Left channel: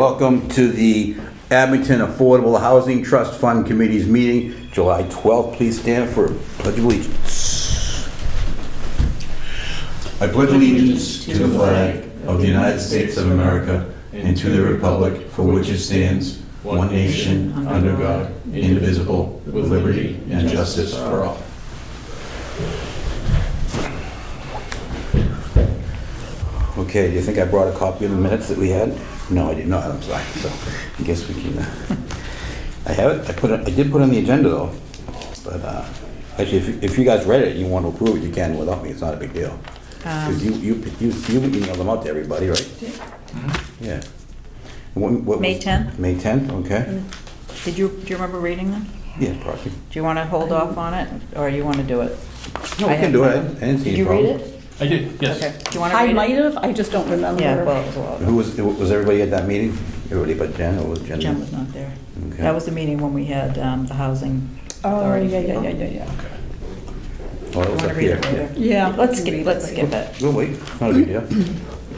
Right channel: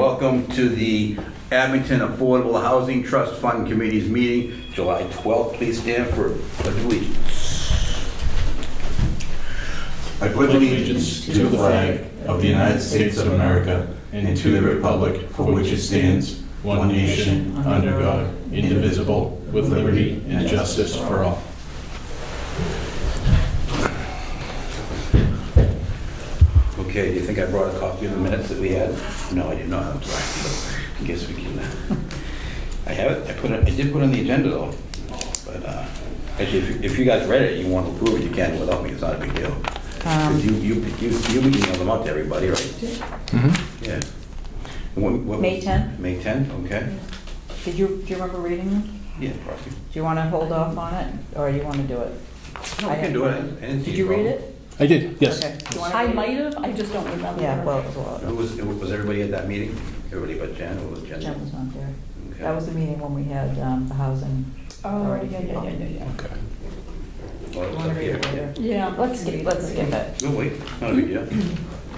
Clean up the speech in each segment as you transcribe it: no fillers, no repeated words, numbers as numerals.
welcome to the Abington Affordable Housing Trust Fund Committee's meeting, July 12th. Please stand for Pledge of Allegiance. I pledge allegiance to the flag of the United States of America and to the republic for which it stands, one nation, under God, indivisible, with liberty and justice for all. Okay, do you think I brought a copy of the minutes that we had? No, I did not. I'm sorry. So I guess we can. I have it. I did put it on the agenda though. But actually, if you guys read it and you want to approve it, you can without me. It's not a big deal. You emailed them out to everybody, right? Mm-hmm. Yeah. What May 10th? May 10th. Okay. Do you remember reading them? Yeah, probably. Do you want to hold off on it, or you want to do it? No, we can do it. I didn't see Did a you read problem. it? I did, yes. Okay. Do you want to I read might it? have, I just don't remember. Yeah, Who was everybody at that meeting? Everybody but Jen, or was Jen? Jen was not there. Okay. That was the meeting when we had the housing. Oh, authority. yeah. Oh, Okay. that You was want up to read here. it later? Yeah. Let's skip it. We'll wait. It's not a big deal.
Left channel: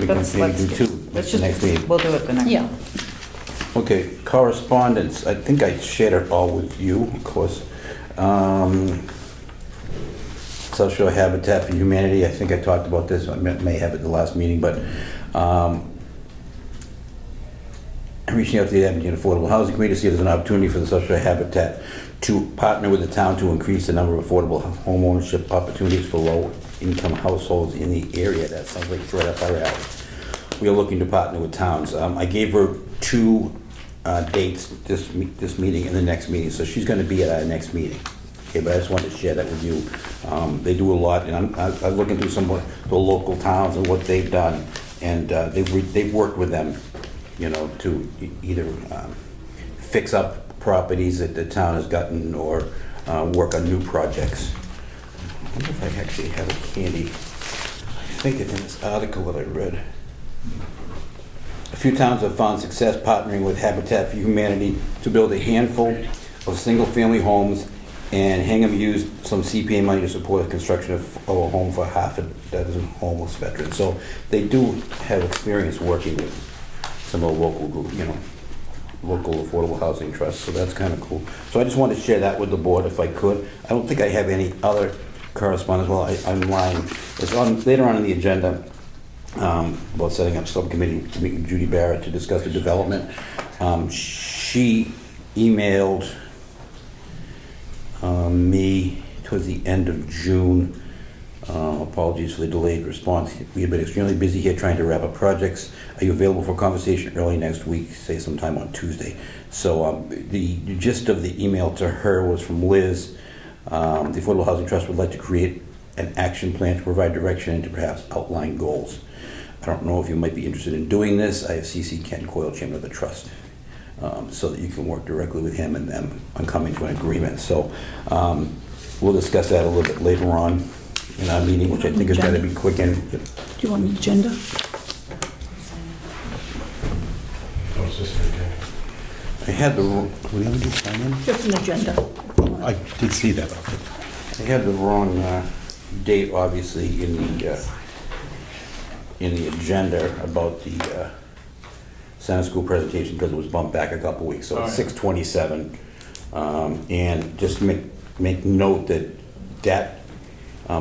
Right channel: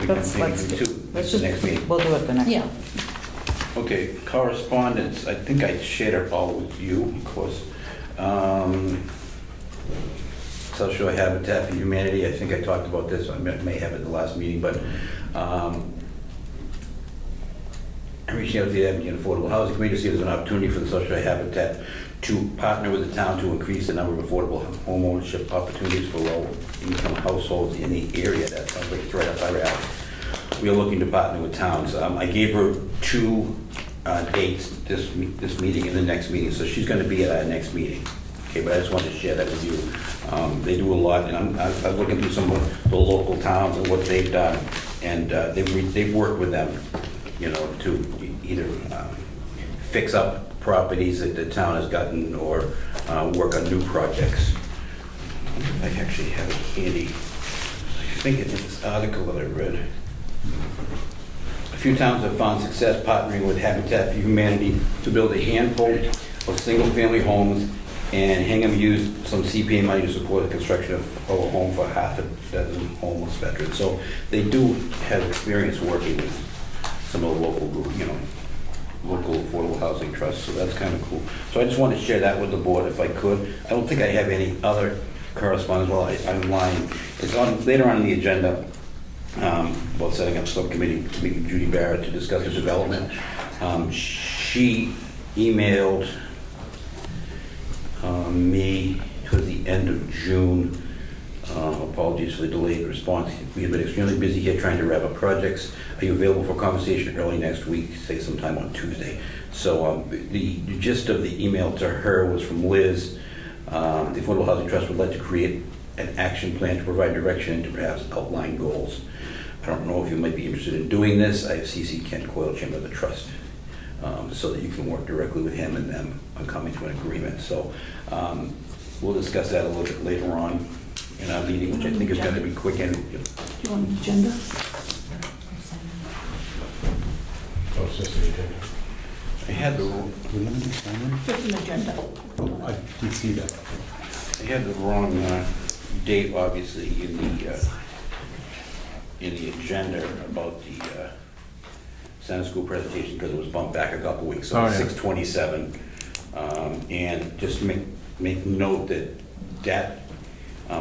We can Let's do skip. two Let's the just, next meeting. we'll do it the next. Yeah. Okay, correspondence. I think I shared it all with you, of course. South Shore Habitat for Humanity, I think I talked about this, I may have it at the last meeting, but I'm reaching out to the Abington Affordable Housing Committee to see if there's an opportunity for the South Shore Habitat to partner with the town to increase the number of affordable home ownership opportunities for low-income households in the area. That sounds like it's right up our alley. We are looking to partner with towns. I gave her two dates, this meeting and the next meeting, so she's going to be at our next meeting. Okay, but I just wanted to share that with you. They do a lot, and I'm looking through some of the local towns and what they've done, and they've worked with them, you know, to either fix up properties that the town has gotten or work on new projects. I wonder if I actually have it handy. I think it's this article that I read. A few towns have found success partnering with Habitat for Humanity to build a handful of single-family homes, and Hingham used some CPA money to support the construction of a home for half a dozen homeless veterans. So they do have experience working with some of the local group, you know, local affordable housing trusts. So that's kind of cool. So I just wanted to share that with the board if I could. I don't think I have any other correspondence. Well, I'm lying. It's on later on in the agenda. About setting up subcommittee to meet with Judy Barrett to discuss the development. She emailed me towards the end of June. Apologies for the delayed response. We have been extremely busy here trying to wrap up projects. Are you available for conversation early next week, say sometime on Tuesday? So the gist of the email to her was from Liz. The Affordable Housing Trust would like to create an action plan to provide direction and to perhaps outline goals. I don't know if you might be interested in doing this. I have CC Ken Coyle, chairman of the trust, so that you can work directly with him and them on coming to an agreement. So we'll discuss that a little bit later on in our meeting, which I think is going to be quick. And Do you want an agenda? Oh, it's just the agenda. I had the wrong. What do you do, Simon? Just an agenda. I did see that. I had the wrong date, obviously, in the agenda about the Center School presentation because it was bumped back a couple weeks, so it's 6/27. And just make note that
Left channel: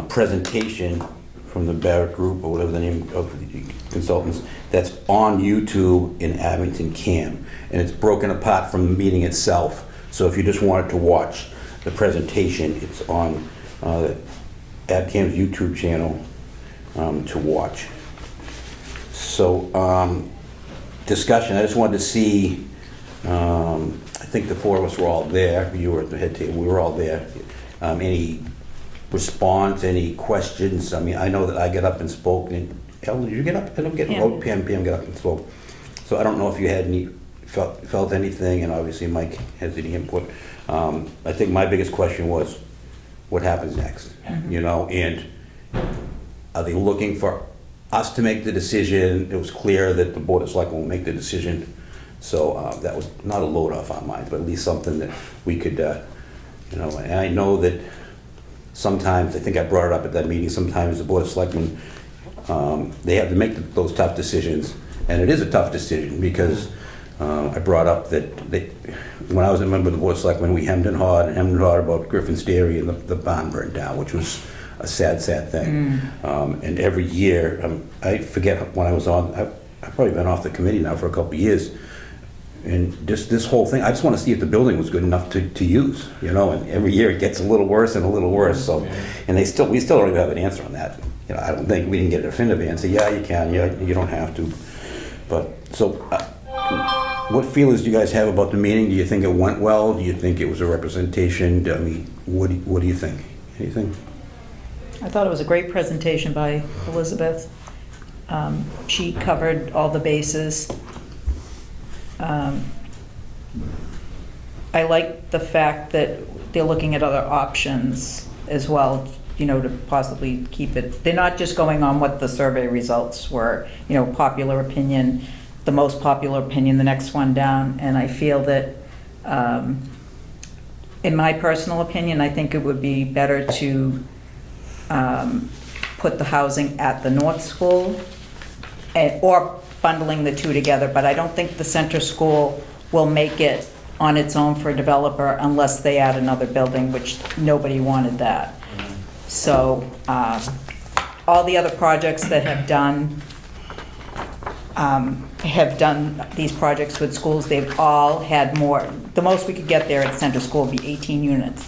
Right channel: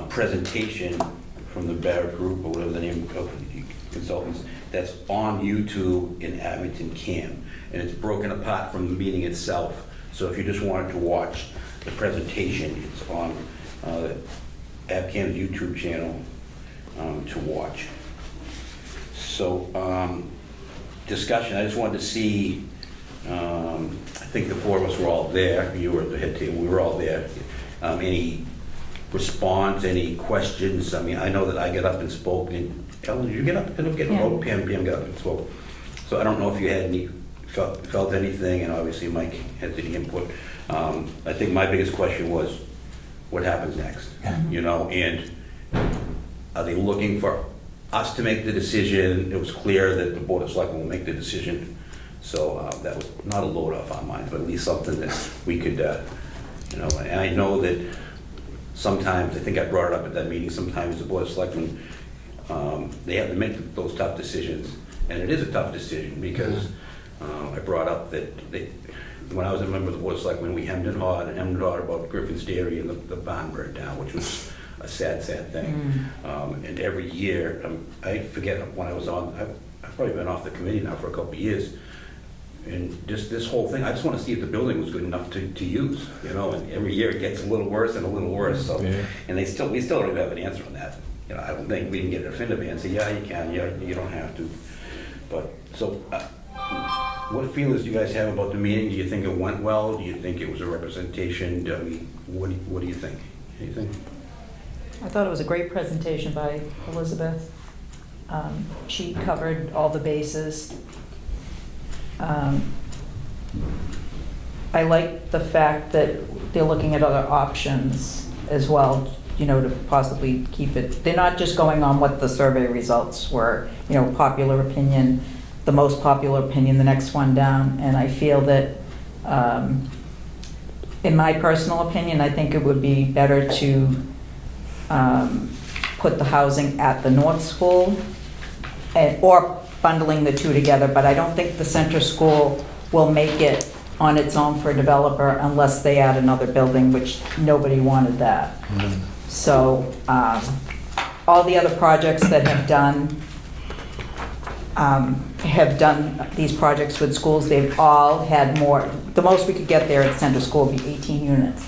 presentation from the Barrett Group, or whatever the name of the consultants, that's on YouTube in Abington CAM, and it's broken apart from the meeting itself. So if you just wanted to watch the presentation, it's on AbCam's YouTube channel to watch. So discussion, I just wanted to see, I think the four of us were all there. You were at the head table, we were all there. Any response, any questions? I mean, I know that I got up and spoke. And Ellen, did you get up? Pam got up and spoke. So I don't know if you had any, felt anything, and obviously Mike has any input. I think my biggest question was, what happens next? You know, and are they looking for us to make the decision? It was clear that the Board of Selectmen will make the decision. So that was not a load off our minds, but at least something that we could, you know, and I know that sometimes, I think I brought it up at that meeting, sometimes the Board of Selectmen, they have to make those tough decisions. And it is a tough decision because I brought up that when I was a member of the Board of Selectmen, we hemmed and hawed about Griffin's Dairy and the barn burned down, which was a sad, sad thing. And every year, I forget when I was on, I've probably been off the committee now for a couple of years, and just this whole thing, I just want to see if the building was good enough to use, you know, and every year it gets a little worse and a little worse, so, and we still don't even have an answer on that. You know, I don't think we didn't get a definitive answer. Yeah, you can, yeah, you don't have to. But, so, what feelings do you guys have about the meeting? Do you think it went well? Do you think it was a representation? I mean, what do you think? Anything? I thought it was a great presentation by Elizabeth. She covered all the bases. I like the fact that they're looking at other options as well, you know, to possibly keep it. They're not just going on what the survey results were, you know, popular opinion, the most popular opinion, the next one down. And I feel that, in my personal opinion, I think it would be better to put the housing at the North School or bundling the two together, but I don't think the center school will make it on its own for a developer unless they add another building, which nobody wanted that. So all the other projects that have done these projects with schools, they've all had more. The most we could get there at center school would be 18 units.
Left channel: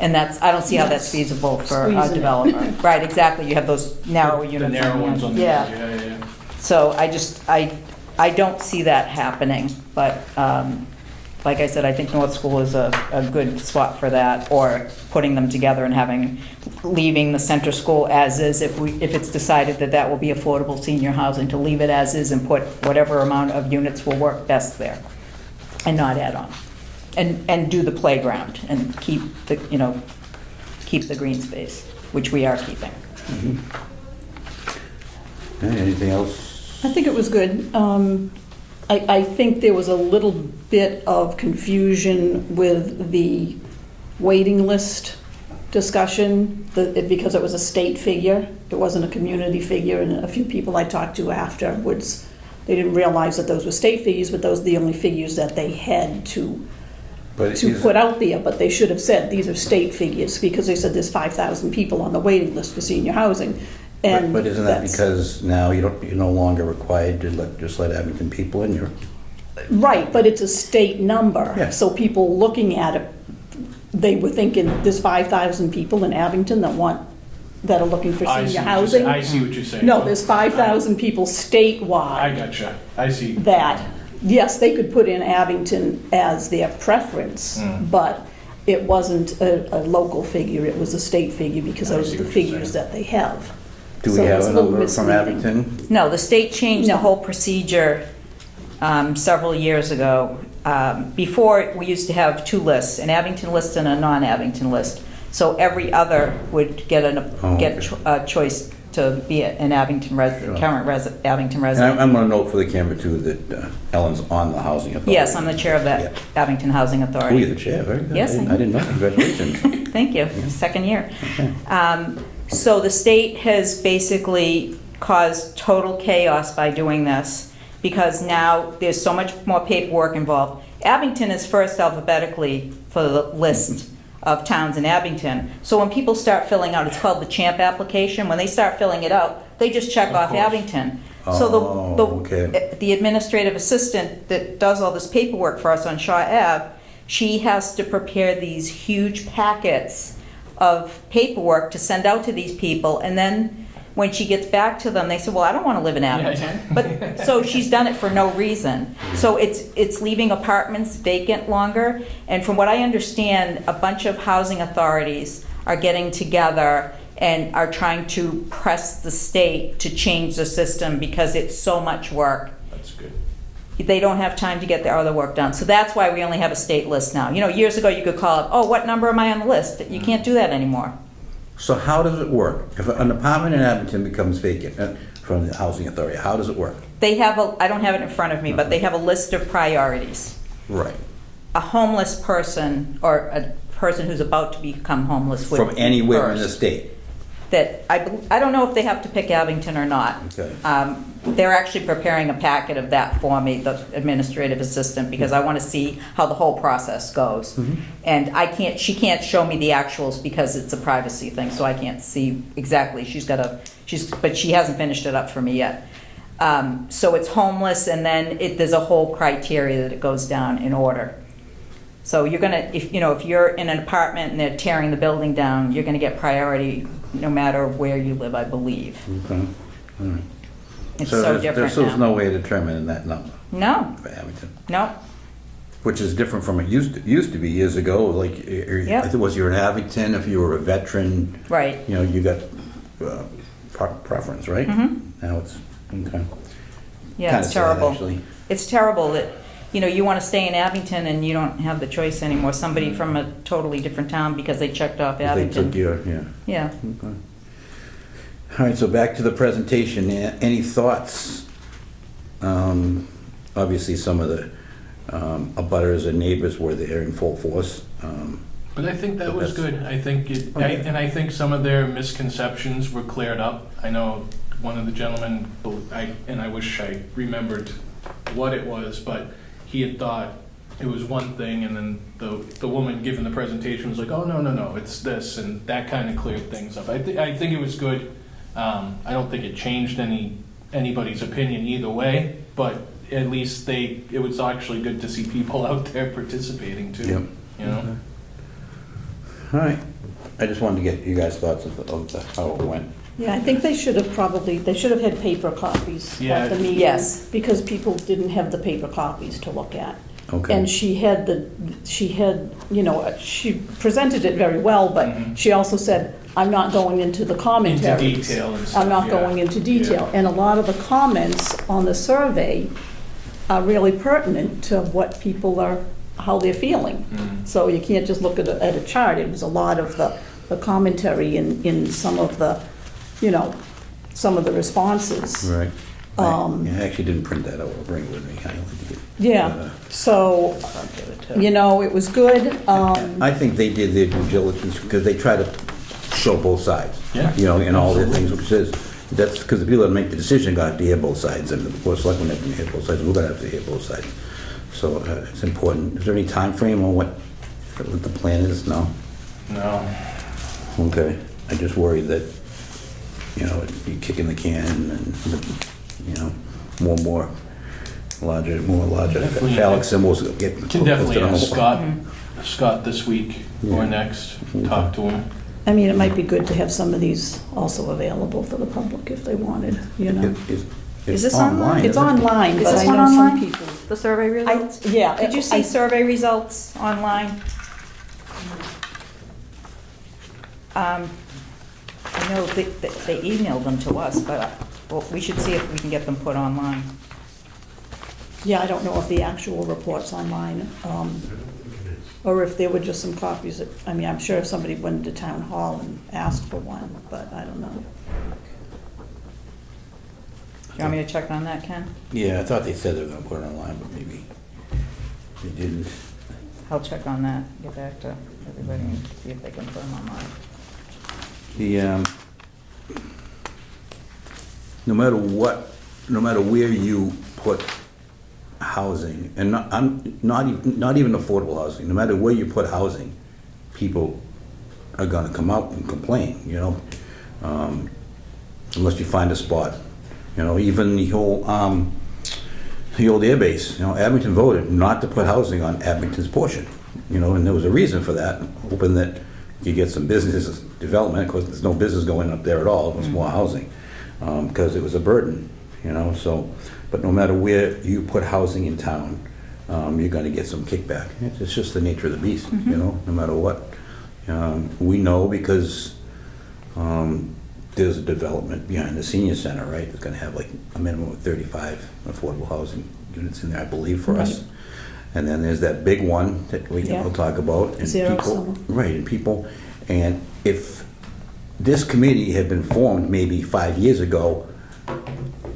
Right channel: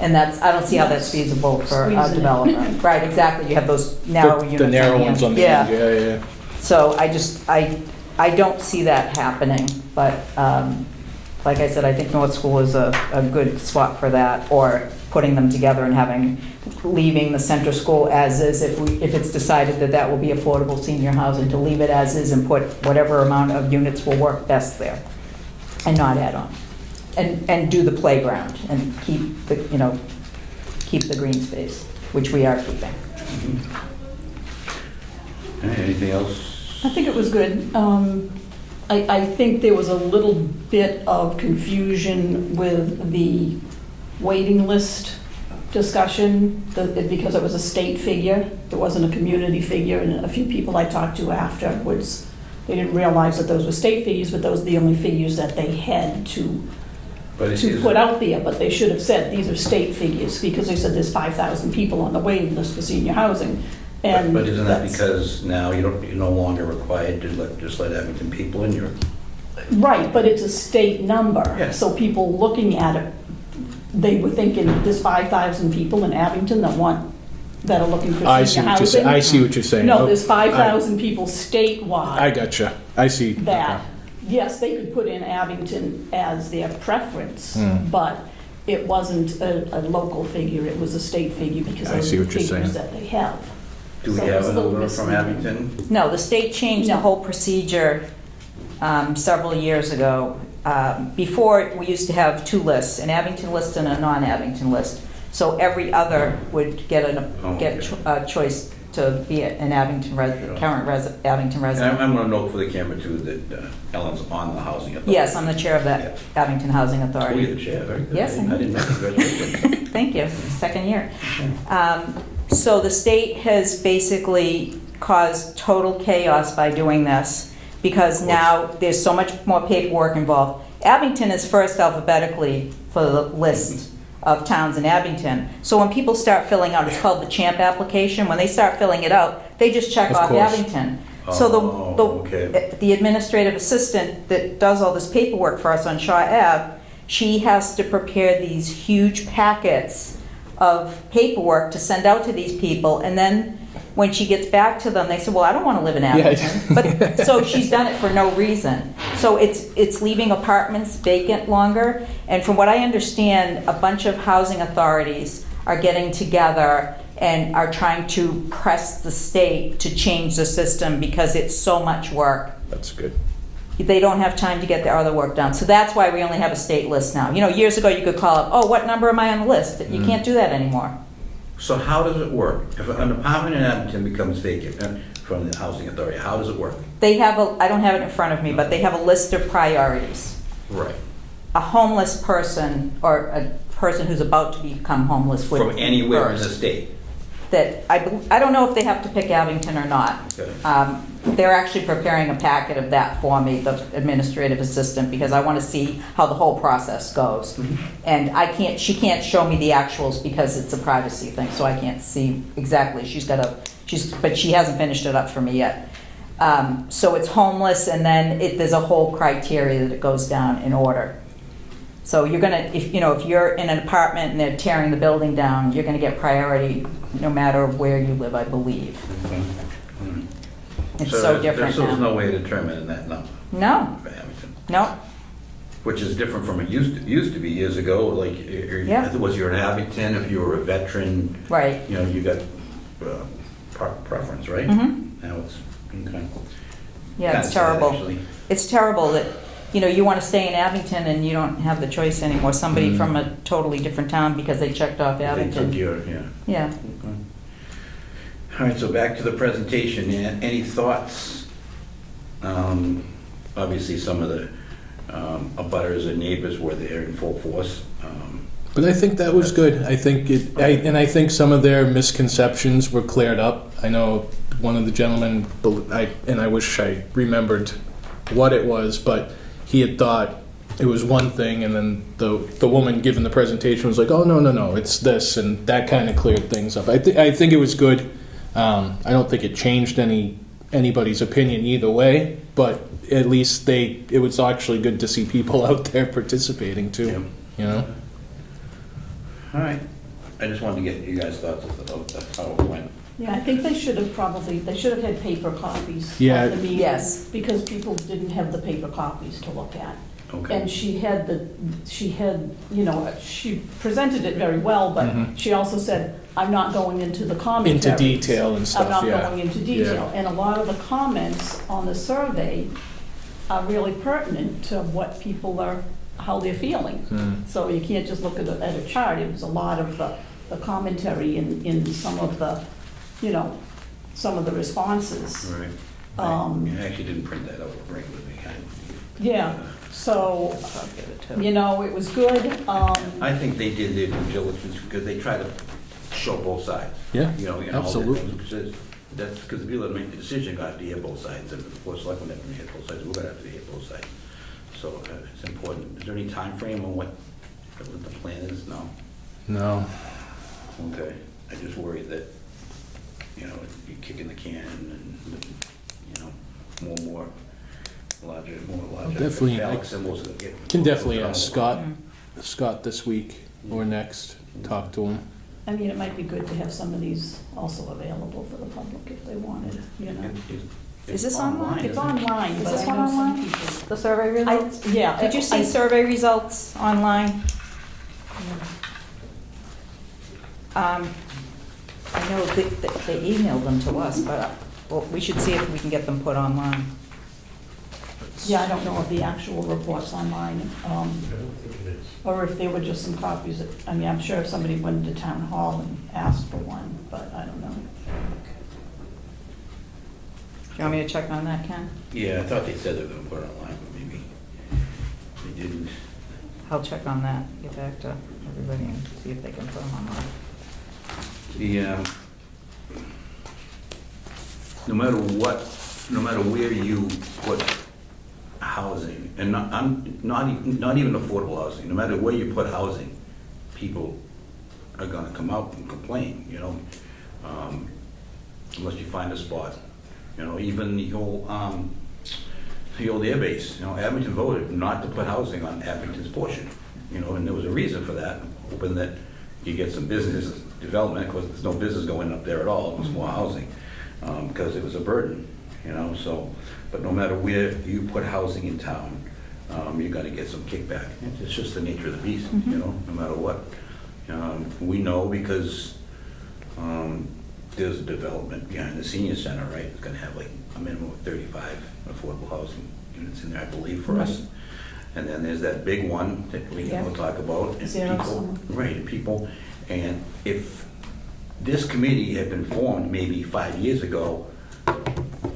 And I don't see how that's feasible for a developer. Right, exactly, you have those narrow units. The narrow ones on the Yeah. end, yeah. So I don't see that happening, but like I said, I think North School is a good spot for that, or putting them together and leaving the center school as is, if it's decided that that will be affordable senior housing, to leave it as is and put whatever amount of units will work best there, and not add on. And do the playground and keep the green space, which we are keeping. Anything else? I think it was good. I think there was a little bit of confusion with the waiting list discussion, because it was a state figure. It wasn't a community figure, and a few people I talked to afterwards, they didn't realize that those were state figures, but those are the only figures that they had to put out there. But they should have said these are state figures, because they said there's 5,000 people on the waiting list for senior housing. And but isn't that because now you're no longer required to just let Abington people in? Right, but it's a state number. Yeah. So people looking at it, they were thinking there's 5,000 people in Abington that are looking for senior housing. I see what you're saying. No, there's 5,000 people statewide. I gotcha. I see. That, yes, they could put in Abington as their preference, but it wasn't a local figure, it was a state figure, because those are the figures that they have. Do we have a number from Abington? No, the state changed the whole procedure several years ago. Before, we used to have two lists, an Abington list and a non-Abington list. So every other would get a choice to be an Abington resident, current Abington resident. And I'm going to note for the camera too that Ellen's on the Housing Authority. Yes, I'm the chair of the Abington Housing Oh, Authority. you're the chair, very good. Yes, I didn't know. Congratulations. Thank you, second year. So the state has basically caused total chaos by doing this, because now there's so much more paperwork involved. Abington is first alphabetically for the list of towns in Abington. So when people start filling out, it's called the CHAMP application, when they start filling it out, they just check off Abington. So the administrative assistant that does all this paperwork for us on Shaw Ave, she has to prepare these huge packets of paperwork to send out to these people, and then when she gets back to them, they say, well, I don't want to live in Abington. But so she's done it for no reason. So it's leaving apartments vacant longer. And from what I understand, a bunch of housing authorities are getting together and are trying to press the state to change the system, because it's so much work. That's good. They don't have time to get their other work done. So that's why we only have a state list now. You know, years ago you could call up, oh, what number am I on the list? You can't do that anymore. So how does it work? If an apartment in Abington becomes vacant from the Housing Authority, how does it work? They have I don't have it in front of me, but they have a list of priorities. Right. A homeless person, or a person who's about to become homeless would From anywhere in first. the state? that I don't know if they have to pick Abington or not. Okay. They're actually preparing a packet of that for me, the administrative assistant, because I want to see how the whole process goes. And she can't show me the actuals because it's a privacy thing, so I can't see exactly. But she hasn't finished it up for me yet. So it's homeless, and then there's a whole criteria that it goes down in order. So you're gonna, if you're in an apartment and they're tearing the building down, you're gonna get priority no matter where you live, I believe. Okay. All right. It's so different So there's now. no way of determining that number No, for Abington, no, which is different from it used to be years ago. Like, Yeah. was you're in Abington, if you were a veteran, right. you got preference, right? Now it's, okay. Yeah, Kinda it's sad, terrible. actually. It's terrible that, you want to stay in Abington and you don't have the choice anymore. Somebody from a totally different town because they checked off They took Abington. yeah. Yeah. Okay. All right, so back to the presentation. Any thoughts? Obviously, some of the abutters and neighbors were there in full force. But I think that was good. I think and I think some of their misconceptions were cleared up. I know one of the gentlemen, and I wish I remembered what it was, but he had thought it was one thing, and then the woman giving the presentation was like, "Oh no, it's this," and that kind of cleared things up. I think it was good. I don't think it changed anybody's opinion either way, but at least it was actually good to see people out there participating too. Yeah. All right. I just wanted to get you guys' thoughts of how it went. Yeah, I think they should have had paper copies Yeah. of the meeting. Yes. Because people didn't have the paper copies to look at. Okay. And she presented it very well, but she also said, I'm not going into the commentaries. Into detail and stuff. I'm not going into detail. And a lot of the comments on the survey are really pertinent to what people how they're feeling. So you can't just look at a chart. It was a lot of the commentary in some of the, some of the responses. Right. Um, I actually didn't print that out. I'll bring it with me. Yeah, so, I'll give it to- it was good. I think they did their due diligence because they try to show both sides. Yeah, In all their absolutely. things, which is, that's because the people that make the decision got to hear both sides, and of course, selectmen have to hear both sides, we're gonna have to hear both sides. So it's important. Is there any time frame on what the plan is? No? No. Okay. I just worry that, you're kicking the can and, more larger Definitely. phallic symbols get. Can definitely posted on ask the- Scott this week or next, talk to him. I mean, it might be good to have some of these also available for the public if they wanted, Is this online? It's online, Is but this I one know some online? people. The survey results? Yeah. Could you see survey results online? I know they emailed them to us, but we should see if we can get them put online. Yeah, I don't know if the actual report's online, or if there were just some copies. I'm sure if somebody went to town hall and asked for one, but I don't know. Do you want me to check on that, Ken? Yeah, I thought they said they were gonna put it online, but maybe they didn't. I'll check on that, get back to everybody and see if they can put them online. No matter where you put housing, and not even affordable housing, no matter where you put housing, people are gonna come out and complain, unless you find a spot. Even the old air base, Abington voted not to put housing on Abington's portion, and there was a reason for that, hoping that you get some business development, because there's no business going up there at all, it was more housing, because it was a burden, but no matter where you put housing in town, you're gonna get some kickback. It's just the nature of the beast, no matter what. We know because there's a development behind the senior center, right? It's gonna have like a minimum of 35 affordable housing units in there, I believe, for us. Right. And then there's that big one that we'll Yeah. talk about. And Zero people, sum. right, and if this committee had been formed maybe 5 years ago,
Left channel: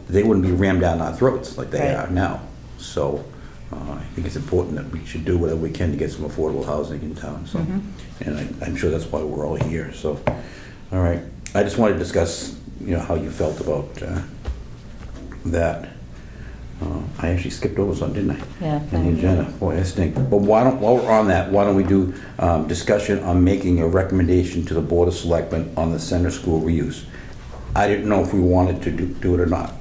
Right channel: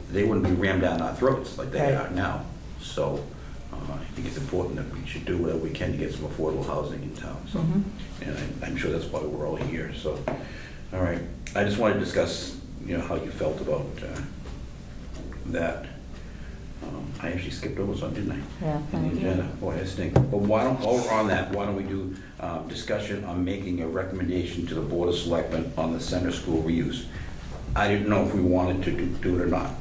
they wouldn't be rammed down our throats like they Right. are now. So I think it's important that we should do whatever we can to get some affordable housing in town, so. And I'm sure that's why we're all here, so, all right. I just wanted to discuss, how you felt about that. I actually skipped over something, didn't I? Yeah. In the agenda. Boy, I stink. But while we're on that, why don't we do discussion on making a recommendation to the Board of Selectmen on the center school reuse? I didn't know if we wanted to do it or not.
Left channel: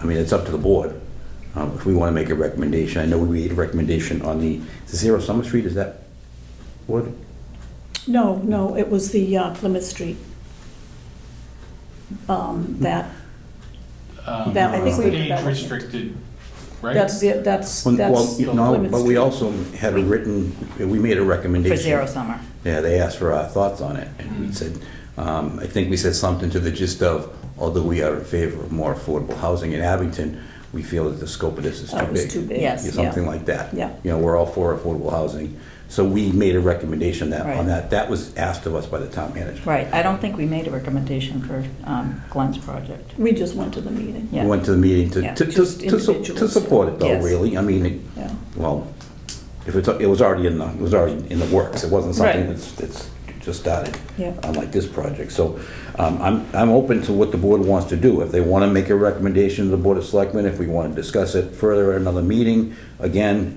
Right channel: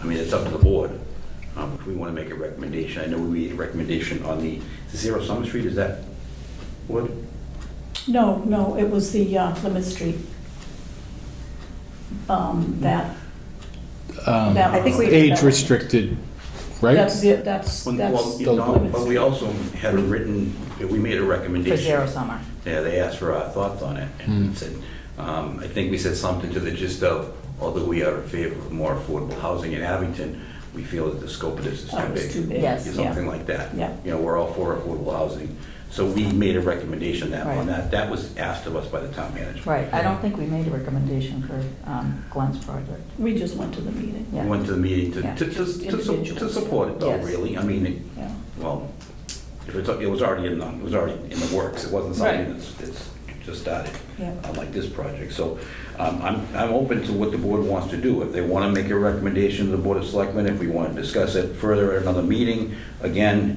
I mean, it's up to the board. If we want to make a recommendation. I know we made a recommendation on the 0 Summer Street, is that what? No, it was the Plymouth Street. That I think was the- Age restricted, right? That's it, that's Well, Plymouth but we Street. also had a written, we made a recommendation. For Zero Summer. Yeah, they asked for our thoughts on it, and we said, I think we said something to the gist of, although we are in favor of more affordable housing in Abington, we feel that the scope of this is too That was big. too big. Yes. Something like that. Yeah. We're all for affordable housing, so we made a recommendation on Right. that. That was asked of us by the town manager. Right, I don't think we made a recommendation for Glenn's project. We just went to the meeting. We Yeah. went to the meeting Yeah. Just to individuals. support it though, Yes. really. I mean, Yeah. well, if it was already in the works. It wasn't something Right. that's just started. Yeah. Unlike this project. So I'm open to what the board wants to do. If they want to make a recommendation to the Board of Selectmen, if we want to discuss it further at another meeting, again,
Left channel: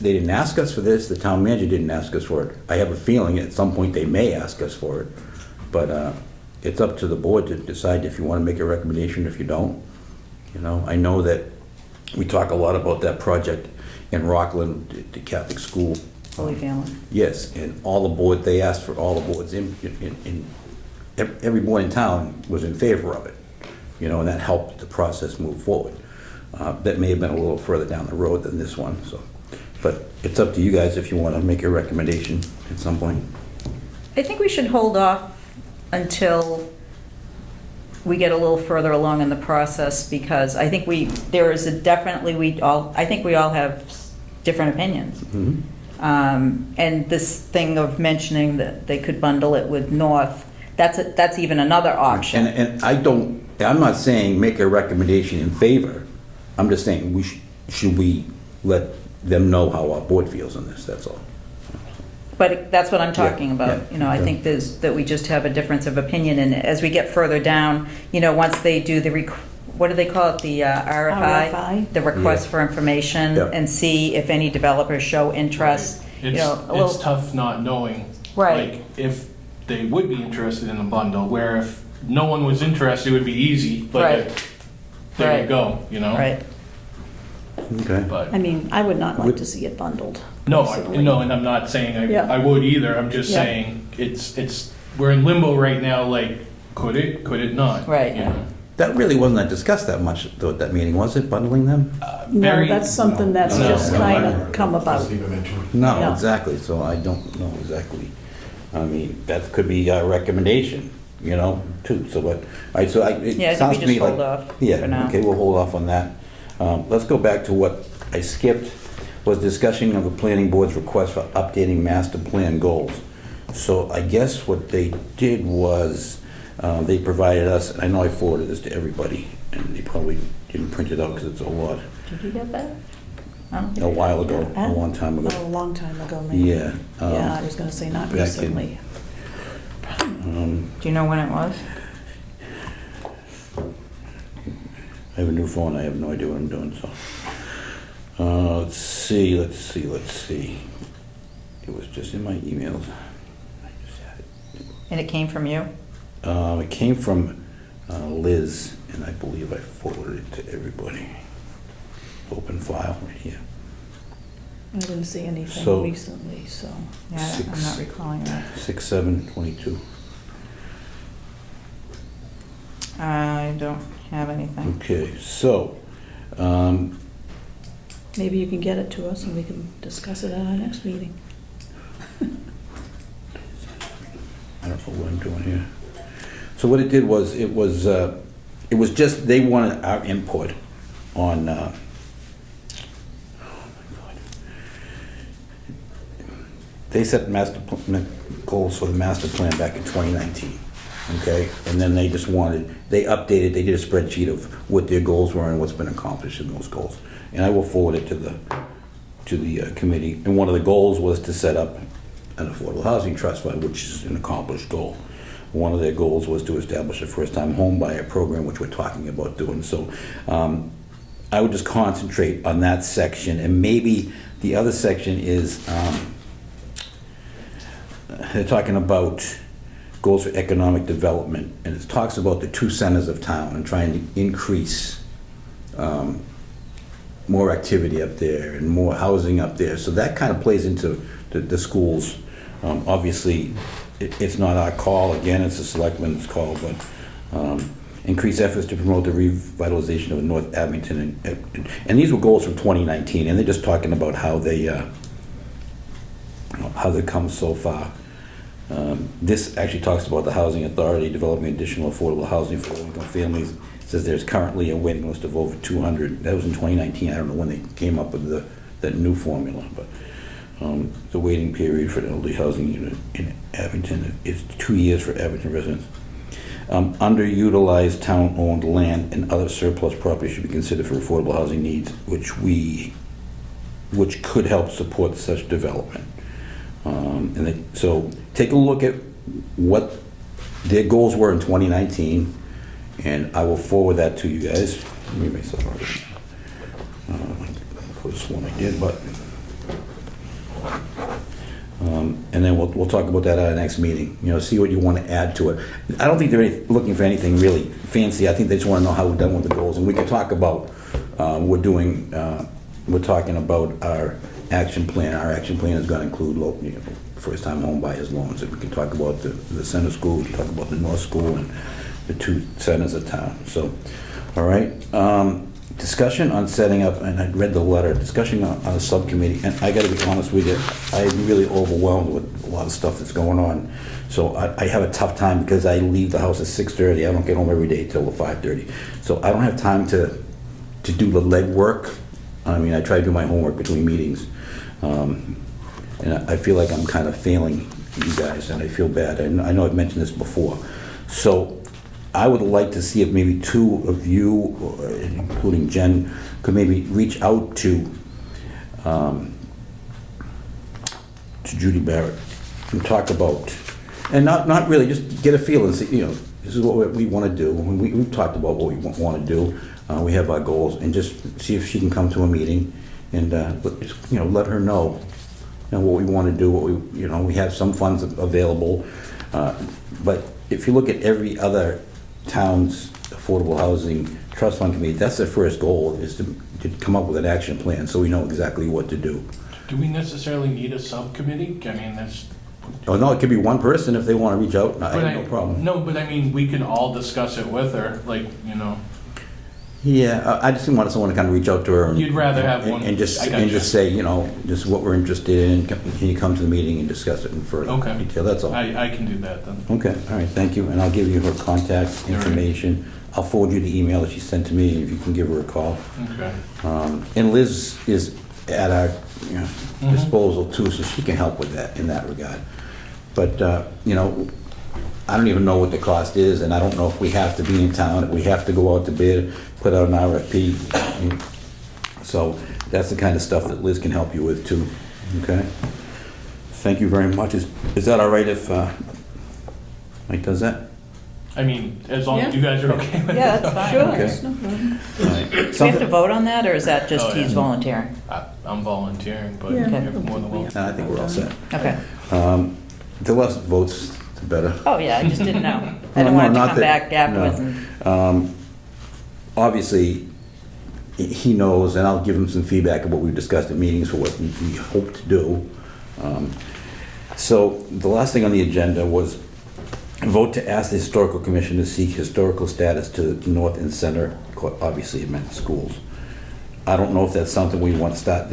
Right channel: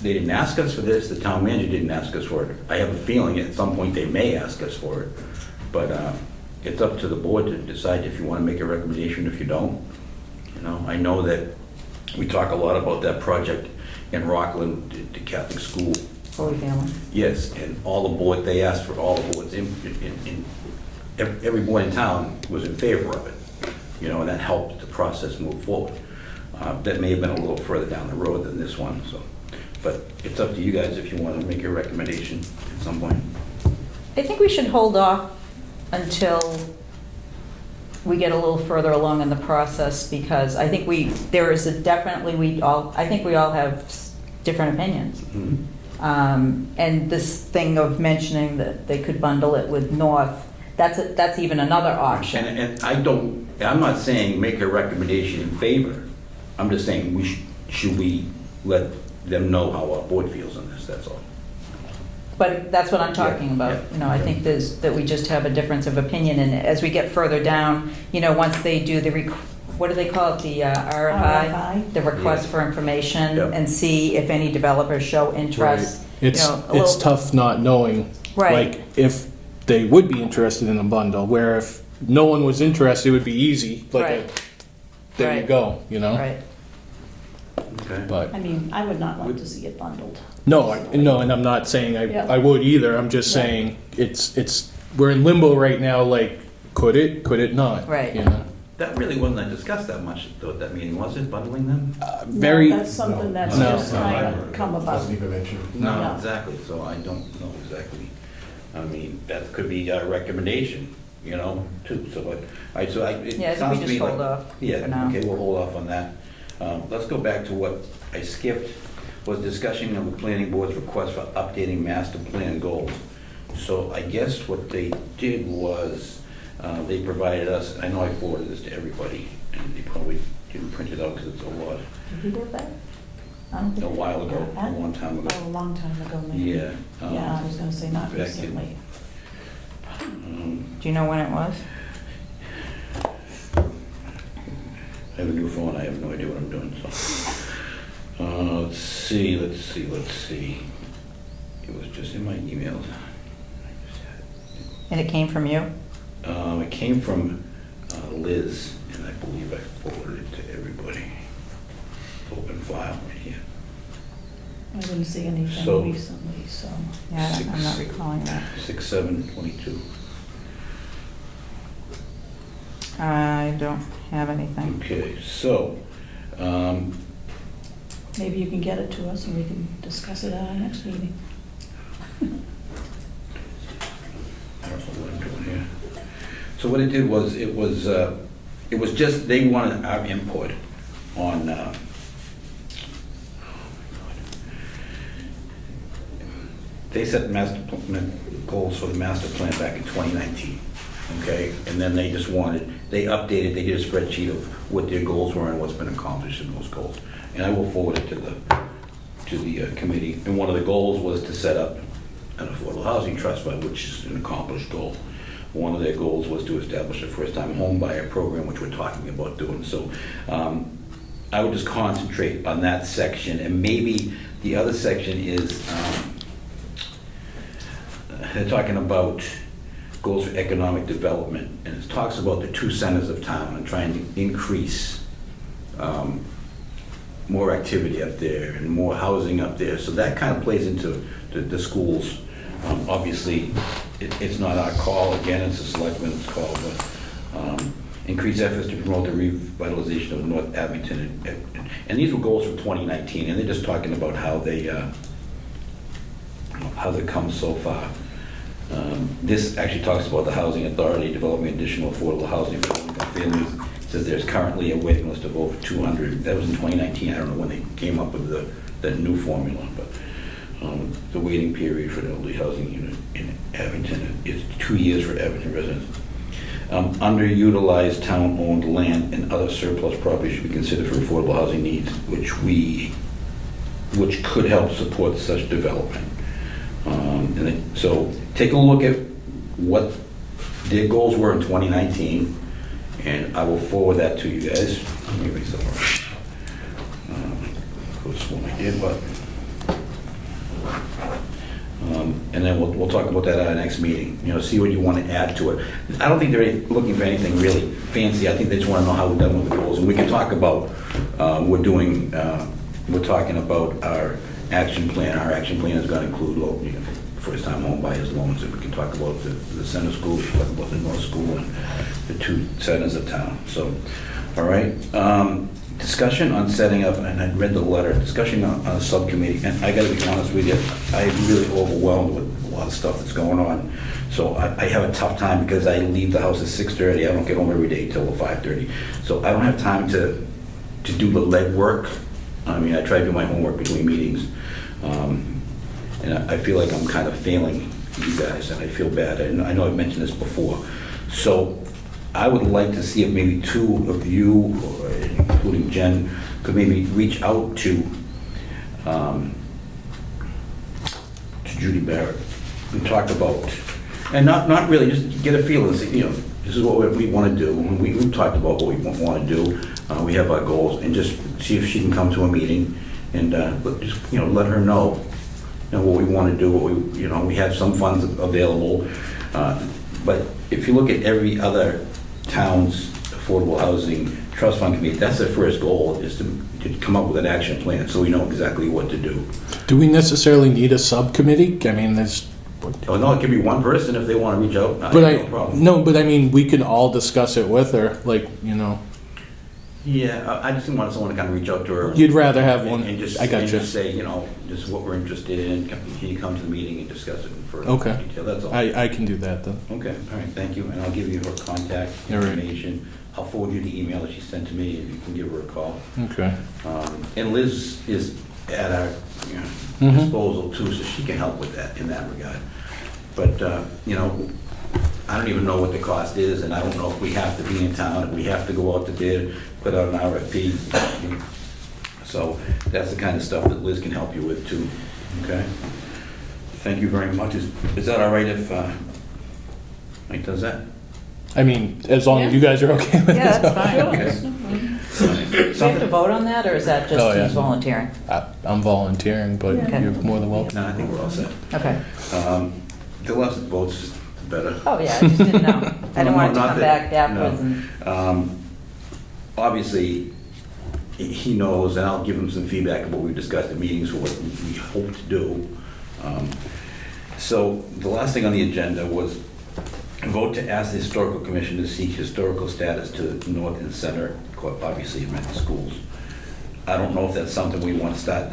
they didn't ask us for this, the town manager didn't ask us for it. I have a feeling at some point they may ask us for it, but it's up to the board to decide if you want to make a recommendation, if you don't. I know that we talk a lot about that project in Rockland, the Catholic school. Fully family. Yes, and all the board, they asked for all the boards every board in town was in favor of it, and that helped the process move forward. That may have been a little further down the road than this one, so. But it's up to you guys if you want to make a recommendation at some point. I think we should hold off until we get a little further along in the process, because I think we all have different opinions. Mhm. And this thing of mentioning that they could bundle it with North, that's even another option. And I'm not saying make a recommendation in favor. I'm just saying should we let them know how our board feels on this, that's all. But that's what I'm talking Yeah, about. yeah. I think that we just have a difference of opinion, and as we get further down, once they do what do they call it, the RFI? RFI. The request Yeah. for information, Yeah. and see if any developers show interest. Right. It's a little- tough not knowing, Right. like, if they would be interested in a bundle, where if no one was interested, it would be easy, Right. like, there you Right. go, Right. Okay. But, I mean, I would not like to see it bundled. personally. no, and I'm not saying Yeah. I would either, I'm just Yeah. saying, we're in limbo right now, like, could it not? Right. You know? That really wasn't discussed that much at that meeting, was it, bundling them? Very, No, that's something that's No. just kind of come about. Wasn't even mentioned. No, Yeah. exactly, so I don't know exactly. I mean, that could be a recommendation, too, so, but, it Yeah, I think sounds we to me just like. hold off Yeah, for now. okay, we'll hold off on that. Let's go back to what I skipped, was discussion of the planning board's request for updating master plan goals. So I guess what they did was, they provided us, I know I forwarded this to everybody, and they probably didn't print it out because it's a lot, Did we get that? I don't think a we while ago, a long time ago. Oh, a long time ago, maybe. Yeah. Yeah, I was gonna say not back in- recently. Do you know when it was? I have a new phone, I have no idea what I'm doing, so. Let's see. It was just in my emails. I just had it. And it came from you? It came from Liz, and I believe I forwarded it to everybody. Open file right here. I didn't see anything So- recently, so. Yeah, I'm not recalling that. 6/7/22. I don't have anything. Okay, so, Maybe you can get it to us and we can discuss it at our next meeting. I don't know what I'm doing here. So what it did was, it was just, they wanted our input on, oh my God. They set goals for the master plan back in 2019, okay? And then they just they updated, they did a spreadsheet of what their goals were and what's been accomplished in those goals. And I will forward it to the committee. And one of the goals was to set up an affordable housing trust fund, which is an accomplished goal. one of their goals was to establish a first-time home buyer program, which we're talking about doing. So I would just concentrate on that section, and maybe the other section is they're talking about goals for economic development, and it talks about the 2 centers of town and trying to increase more activity up there and more housing up there. So that kind of plays into the schools. Obviously, it's not our call. Again, it's the selectmen's call, but increase efforts to promote the revitalization of North Abington. And these were goals from 2019, and they're just talking about how they come so far. This actually talks about the Housing Authority developing additional affordable housing for low-income families. It says there's currently a waiting list of over 200. That was in 2019. I don't know when they came up with the new formula, but the waiting period for the elderly housing unit in Abington is 2 years for Abington residents. Underutilized town-owned land and other surplus property should be considered for affordable housing needs, which could help support such development. So take a look at what their goals were in 2019, and I will forward that to you guys. Let me make myself could have sworn I did, but and then we'll talk about that at our next meeting. See what you want to add to it. I don't think they're looking for anything really fancy. I think they just want to know how we're done with the goals, and we can talk about we're talking about our action plan. Our action plan is going to include first-time home buyers loans. And we can talk about the center school, we can talk about the North School, and the 2 centers of town. So, all right. Discussion on setting up, and I read the letter, discussion on a subcommittee, and I gotta be honest with you, I'm really overwhelmed with a lot of stuff that's going on. So I have a tough time because I leave the house at 6:30. I don't get home every day till 5:30. So I don't have time to do the legwork. I mean, I try to do my homework between meetings. And I feel like I'm kind of failing you guys, and I feel bad. I know I've mentioned this before. So I would like to see if maybe 2 of you, including Jen, could maybe reach out to Judy Barrett and talk about, and not really, just get a feel and see, this is what we want to do. We've talked about what we want to do. We have our goals, and just see if she can come to a meeting and just, let her know what we want to do. We have some funds available, but if you look at every other town's affordable housing trust fund committee, that's their first goal, is to come up with an action plan so we know exactly what to do. Do we necessarily need a subcommittee? I mean, there's... Oh, no, it could be one person if they want to reach out. I have no problem. No, but I mean, we can all discuss it with her, Yeah, I just want someone to kind of reach out to her. You'd rather have one... And just say, just what we're interested in. Can you come to the meeting and discuss it in further detail? That's all. I can do that, then. Okay, all right, thank you. And I'll give you her contact information. I'll forward you the email that she sent to me, if you can give her a call. Okay. And Liz is at our disposal too, so she can help with that in that regard. But, I don't even know what the cost is, and I don't know if we have to be in town, if we have to go out to bid, put out an RFP. So that's the kind of stuff that Liz can help you with too, okay? Thank you very much. Is that all right if Mike does that? I mean, as long as you guys are okay with it. Yeah, that's fine. Okay. Do we have to vote on that, or is that just he's volunteering? I'm volunteering, but Okay. you're more than welcome. No, I think we're all set. Okay. The less votes, the better. Oh, yeah, I just didn't know. I don't want to come back afterwards and... Obviously, he knows, and I'll give him some feedback of what we've discussed at meetings for what we hope to do. So the last thing on the agenda was a vote to ask the Historical Commission to seek historical status to the north and center. Obviously, it meant the schools. I don't know if that's something we want to start.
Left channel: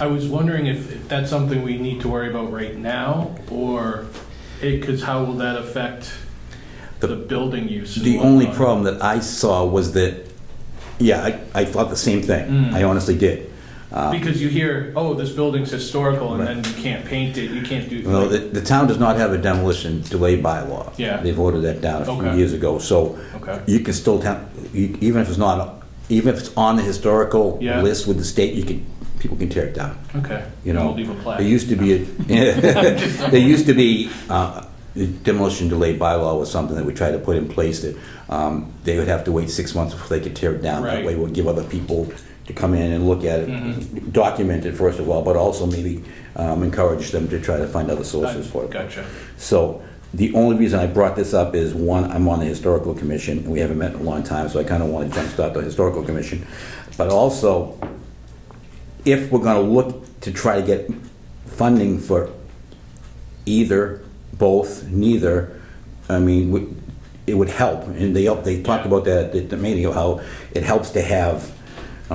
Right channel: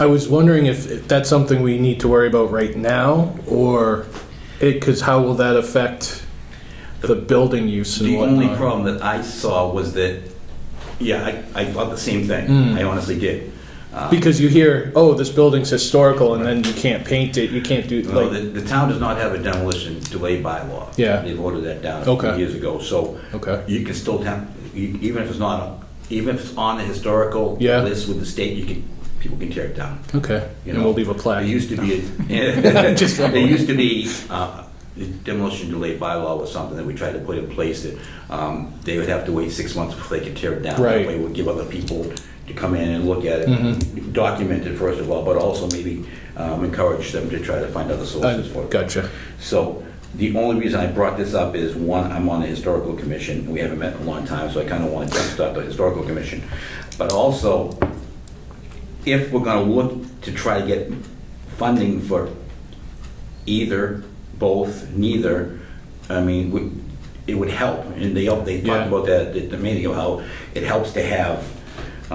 I was wondering if that's something we need to worry about right now, or because how will that affect the building use? The only problem that I saw was that, I thought the same thing. I honestly did. Because you hear, oh, this building's historical, and then you can't paint it, you can't do... Well, the town does not have a demolition delay bylaw. Yeah. They voted that down a few years ago. So you can still, even if it's on the historical list with the state, people can tear it down. Okay. We'll leave a plaque. There used to be the demolition delay bylaw was something that we tried to put in place that they would have to wait 6 months before they could tear it down. That Right. way it would give other people to come in and look at it, document it first of all, but also maybe encourage them to try to find other sources for it. Gotcha. So the only reason I brought this up is, one, I'm on the Historical Commission, and we haven't met in a long time, so I kind of want to jumpstart the Historical Commission. But also, if we're going to look to try to get funding for either, both, neither, I mean, it would help. And they talked Yeah. about that at the meeting, of how it helps to have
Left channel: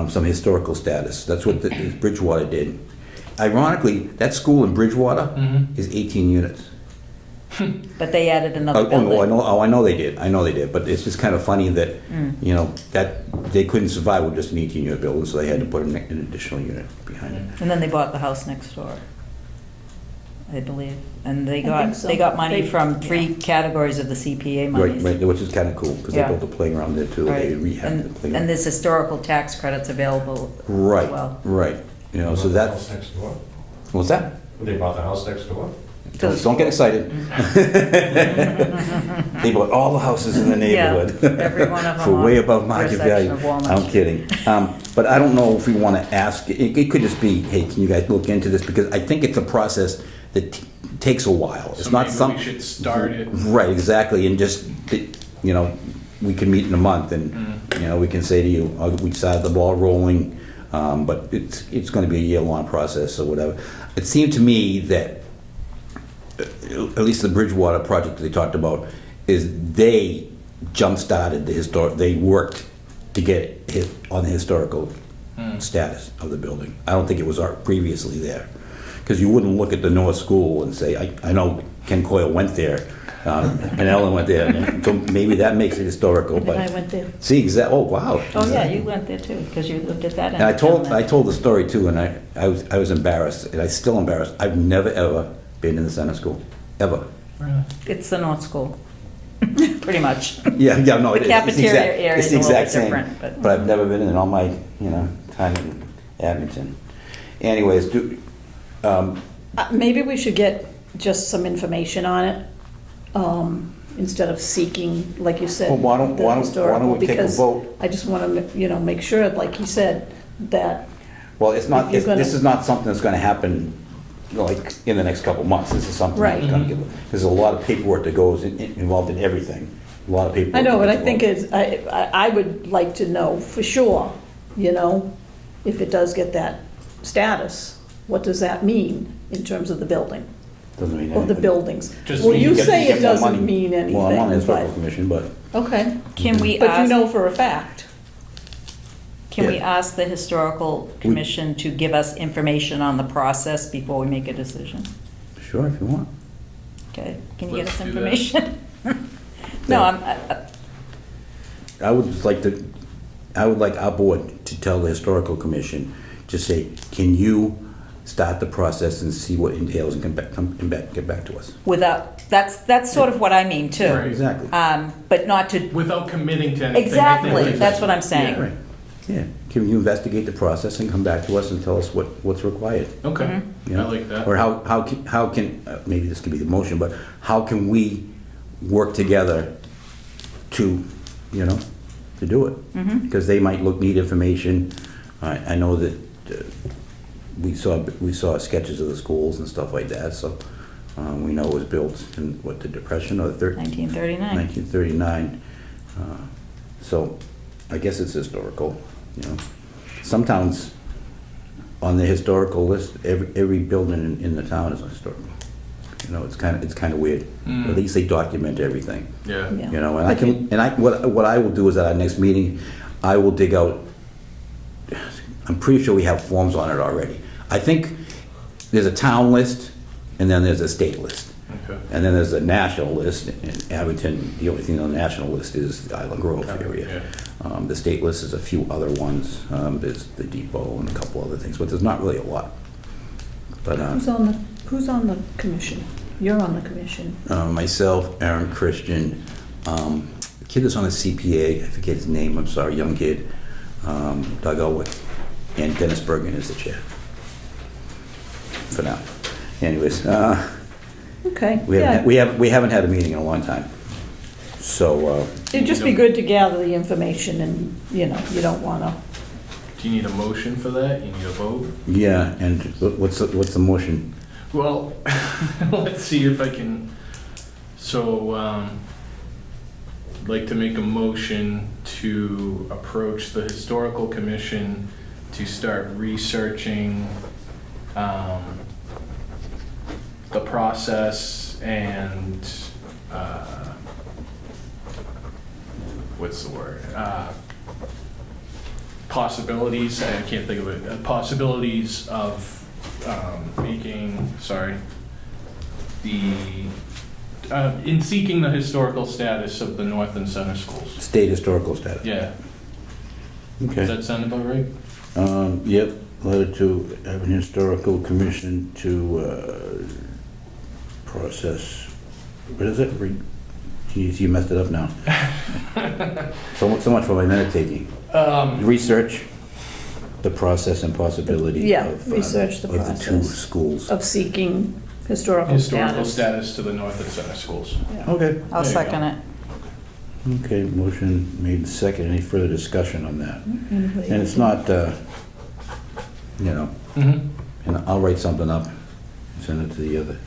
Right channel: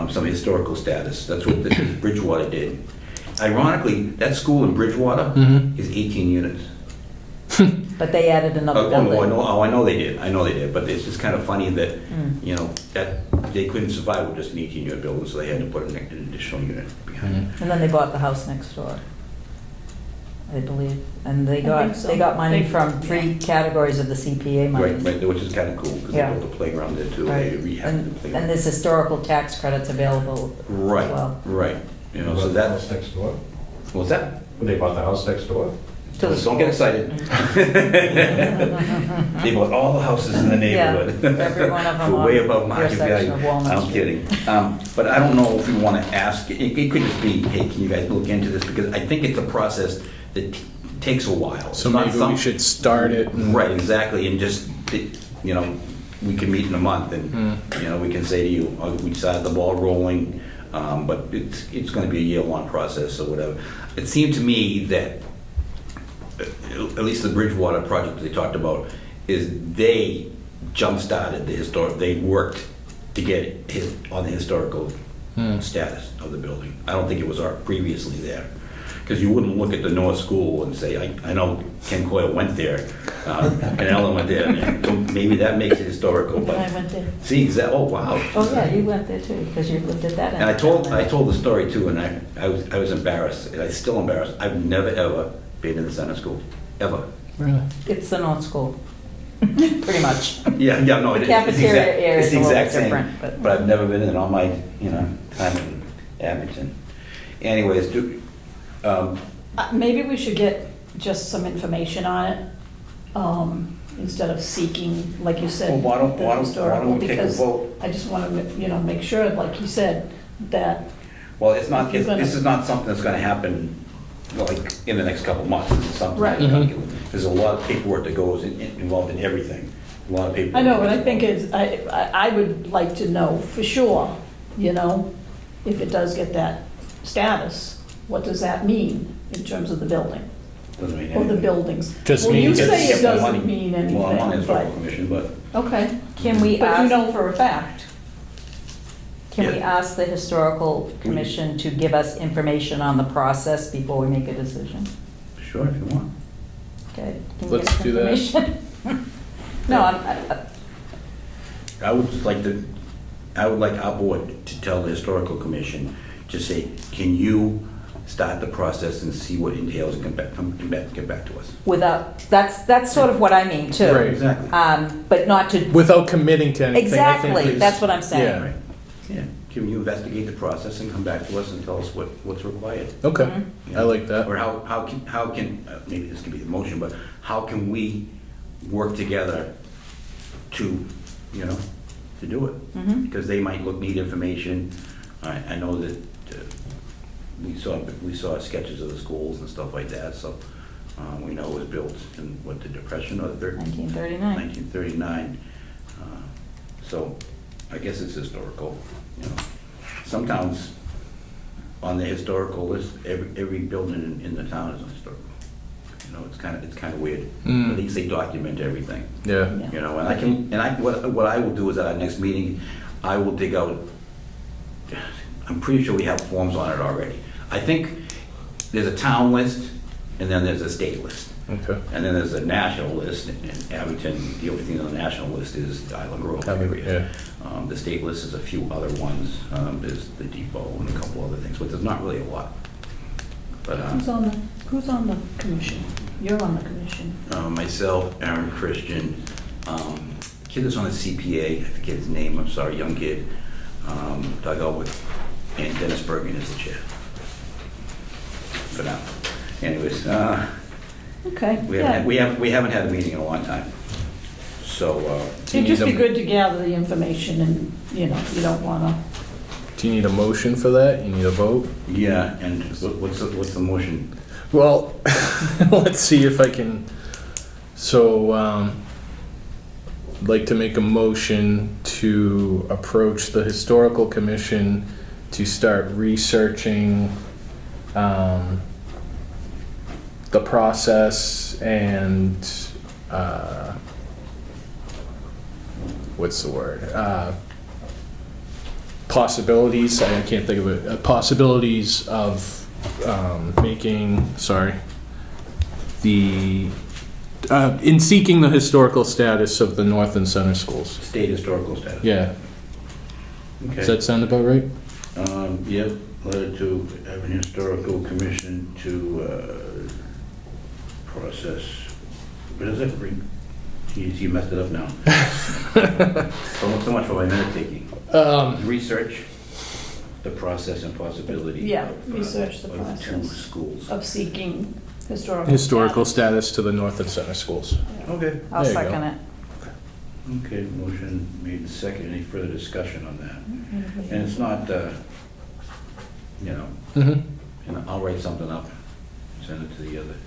some historical status. That's what the Bridgewater did. Ironically, that school in Bridgewater is 18 units. But they added another I building. know they did. I know they did. But it's just kind of funny that, you know, that they couldn't survive with just an 18-unit building, so they had to put an additional unit behind it. And then they bought the house next door, I believe. And they think so. got money They- from 3 categories of the CPA Right, monies. right, which is kind of cool, because they Yeah. built the playground there too. They Right. rehabbed the And playground. there's historical tax credits available as Right, well. right. You know, so Bought the house that's, next door? what's that? They bought the house next door? To the Don't get excited. They bought all the houses in the neighborhood. Every one of them For way on above market intersection value. of Walnut I'm Street. kidding. But I don't know if we want to ask, it could just be, hey, can you guys look into this? Because I think it's a process that takes a while. It's So not maybe we some- should start it. Right, exactly, and just, you know, we can meet in a month and, you know, we can say to you, we decided the ball rolling, but it's going to be a year-long process or whatever. It seemed to me that, at least the Bridgewater project they talked about, is they jump-started the historic, they worked to get it hit on the historical status of the building. I don't think it was previously there. Because you wouldn't look at the North School and say, I know Ken Coyle went there, and Ellen went there, and so maybe that makes it historical, And I but, went there. see, oh, wow. Oh, yeah, you went there too, because you looked at that. And I told the story too, and I was embarrassed, and I'm still embarrassed. I've never, ever been in the center school, ever. Really? It's the North School, pretty much. Yeah, no, The it's the cafeteria exact, area it's is the a little exact bit same. different, but- But I've never been in all my, you know, time in Abington. Anyways, Maybe we should get just some information on it, instead of seeking, like you said, Well, why don't- the why don't historical, we take a because vote? I just want to, you know, make sure, like you said, that, well, it's not, If you're gonna- this is not something that's gonna happen, like, in the next couple of months. This is something Right. that's gonna get, there's a lot of paperwork that goes involved in everything. A lot of paperwork. I know, but I think involved. I would like to know for sure, you know, if it does get that status, what does that mean in terms of the building, Doesn't mean or the anything. buildings? Just Well, mean you you get- say Get it more doesn't money. mean anything, Well, I'm on the historical but, commission, but okay. Can we But you ask, know for a fact. can we Yeah. ask the Historical Commission to give us information on the process before we make a decision? sure, if you want. Okay, can you get Let's us do that. information? No, I would like our board to tell the historical commission, to say, can you start the process and see what entails and get back to us? without, that's sort of what I mean too. Right. Exactly. But not to, Without committing to anything. exactly, Like, that's what I'm saying. Right. Yeah, can you investigate the process and come back to us and tell us what's required? Okay, Mhm. you I know? like that. Or how can maybe this could be the motion, but how can we work together to, you know, to do it? Mhm. Because they might need information. I know that we saw sketches of the schools and stuff like that, so we know it was built in, what, the Depression or the 1939. 1939. So I guess it's historical, you know. Some towns on the historical list, every building in the town is historical. You know, it's kind of weird. Mm. At least they document everything. Yeah. Yeah. You know, what I will do is at our next meeting, I will dig out, I'm pretty sure we have forms on it already. I think there's a town list, and then there's a state list. Okay. And then there's a national list. In Abington, the only thing on the national list is the Island Grove area. The state list is a few other ones. There's the depot and a couple other things, but there's not really a lot. But Who's on the commission? You're on the commission. myself, Aaron Christian, the kid that's on the CPA, I forget his name, I'm sorry, young kid, Doug Elwick, and Dennis Bergen is the chair. For now. Anyways, Okay, We yeah. haven't had a meeting in a long time. So, It'd just be good to gather the information and, you know, you don't wanna, Do you need a motion for that? You need a vote? yeah, and what's the motion? Well, let's see if I can, so, I'd like to make a motion to approach the Historical Commission to start researching, the process and, what's the word? Possibilities, I can't think of it, possibilities of in seeking the historical status of the North and Center schools. State historical status. Yeah, Okay. does that sound about right? Yep, letter to Abington Historical Commission to process, what is it? Geez, you messed it up now. So much for my minute taking. Research the process and possibility yeah, of, research the of the two process schools. of seeking historical Status to the North and Center schools. Okay. I'll There you second it. Okay, motion made second. Any further discussion on that? Anybody- And it's not, you know, Mm-hmm. and I'll write something up, send it to the other,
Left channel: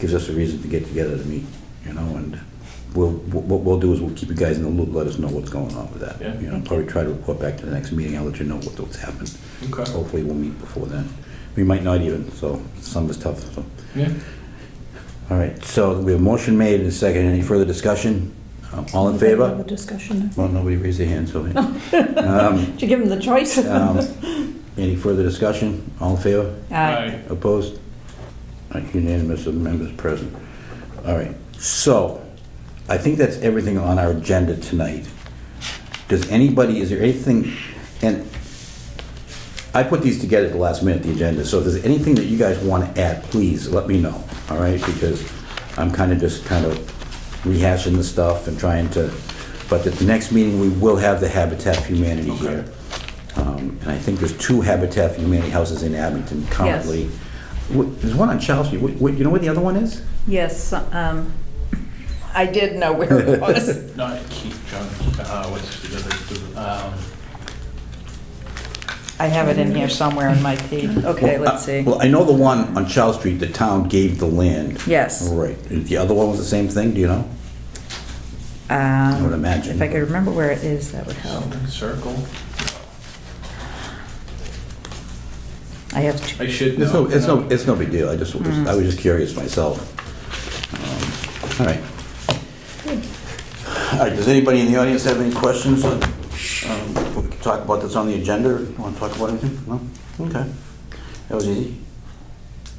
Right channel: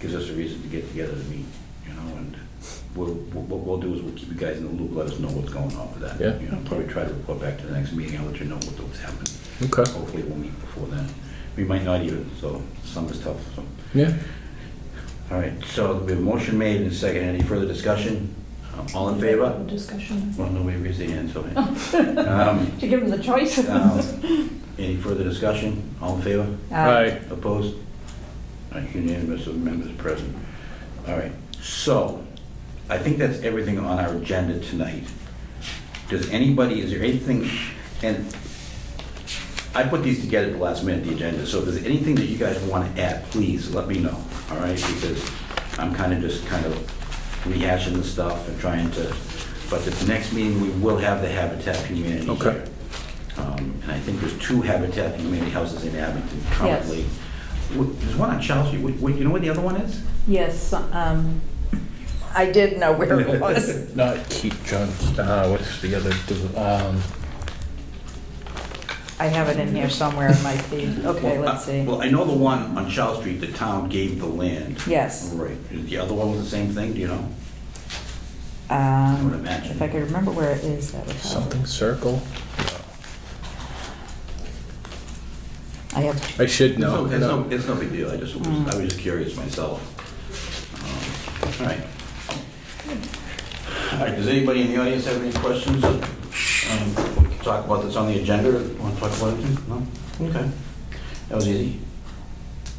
gives us a reason to get together to meet, you know, and what we'll do is we'll keep you guys in the loop, let us know what's going on with that. Yeah. You know, probably try to report back to the next meeting, I'll let you know what's happened. Okay. Hopefully we'll meet before then. We might not even, so summer's tough, so. Yeah. All right, so we have a motion made and a second. Any further discussion? All in Have favor? a discussion. Well, nobody raised their hand, so. Did you give him the choice? Any further discussion? All in favor? Aye. Opposed? Unanimous of members present. All right, so I think that's everything on our agenda tonight. Is there anything, and I put these together at the last minute, the agenda, so if there's anything that you guys want to add, please let me know, all right? Because I'm kind of rehashing the stuff and trying to, but at the next meeting, we will have the Habitat for Humanity Okay. here. And I think there's 2 Habitat for Humanity houses in Abington currently. There's one on Charles Street. You know what the other one is? Yes, I did know where it was. Not Keith John, what's the other, I have it in here somewhere in my feed. Okay, let's see. Well, I know the one on Charles Street, the town gave the land. Yes. Right. The other one was the same thing, do you know? I would imagine. If I could remember where it is, that would help. something circle? I have, I should know. It's no big deal. I was just curious myself. All right. All right, does anybody in the audience have any questions? We can talk about this on the agenda, or want to talk about anything? No? Okay. That was easy.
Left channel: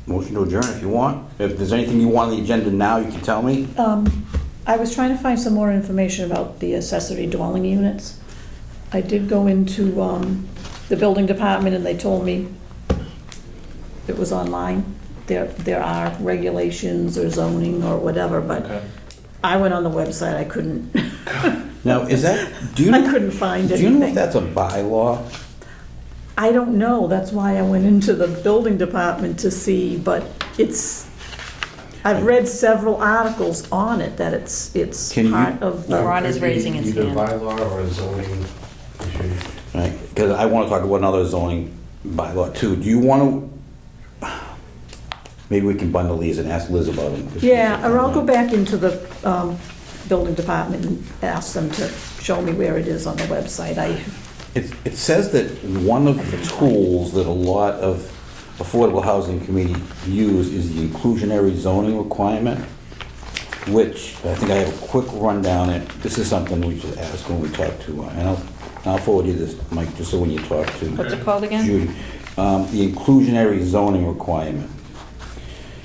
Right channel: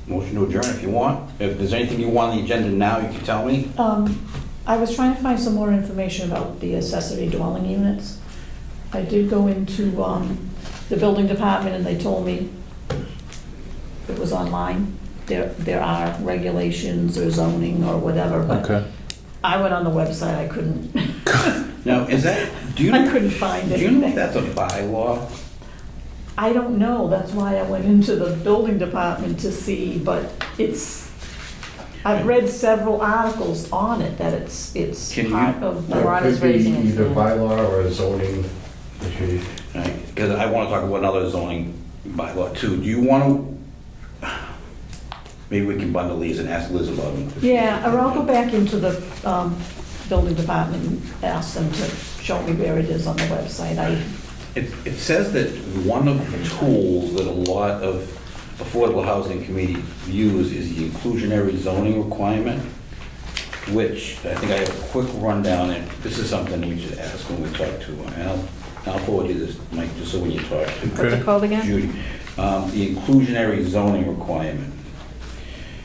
Motion to adjourn if you want. If there's anything you want on the agenda now, you can tell me. I was trying to find some more information about the accessory dwelling units. I did go into the building department and they told me it was online. There are regulations or zoning or whatever, but Okay. I went on the website, I couldn't, Now, do you I know, couldn't find do you know if anything. that's a bylaw? I don't know, that's why I went into the building department to see, but I've read several articles on it, that it's Can you- part of the. Ron is raising his Either hand. bylaw or a zoning issue. Right, because I want to talk about another zoning bylaw too. Do you want to, maybe we can bundle these and ask Liz about them. Yeah, or I'll go back into the building department and ask them to show me where it is on the website. It says that one of the tools that a lot of affordable housing committee use is the inclusionary zoning requirement, which I think I have a quick rundown. This is something we should ask when we talk to, and I'll forward you this, Mike, just so when you talk to what's it called again? Judy. The inclusionary zoning requirement.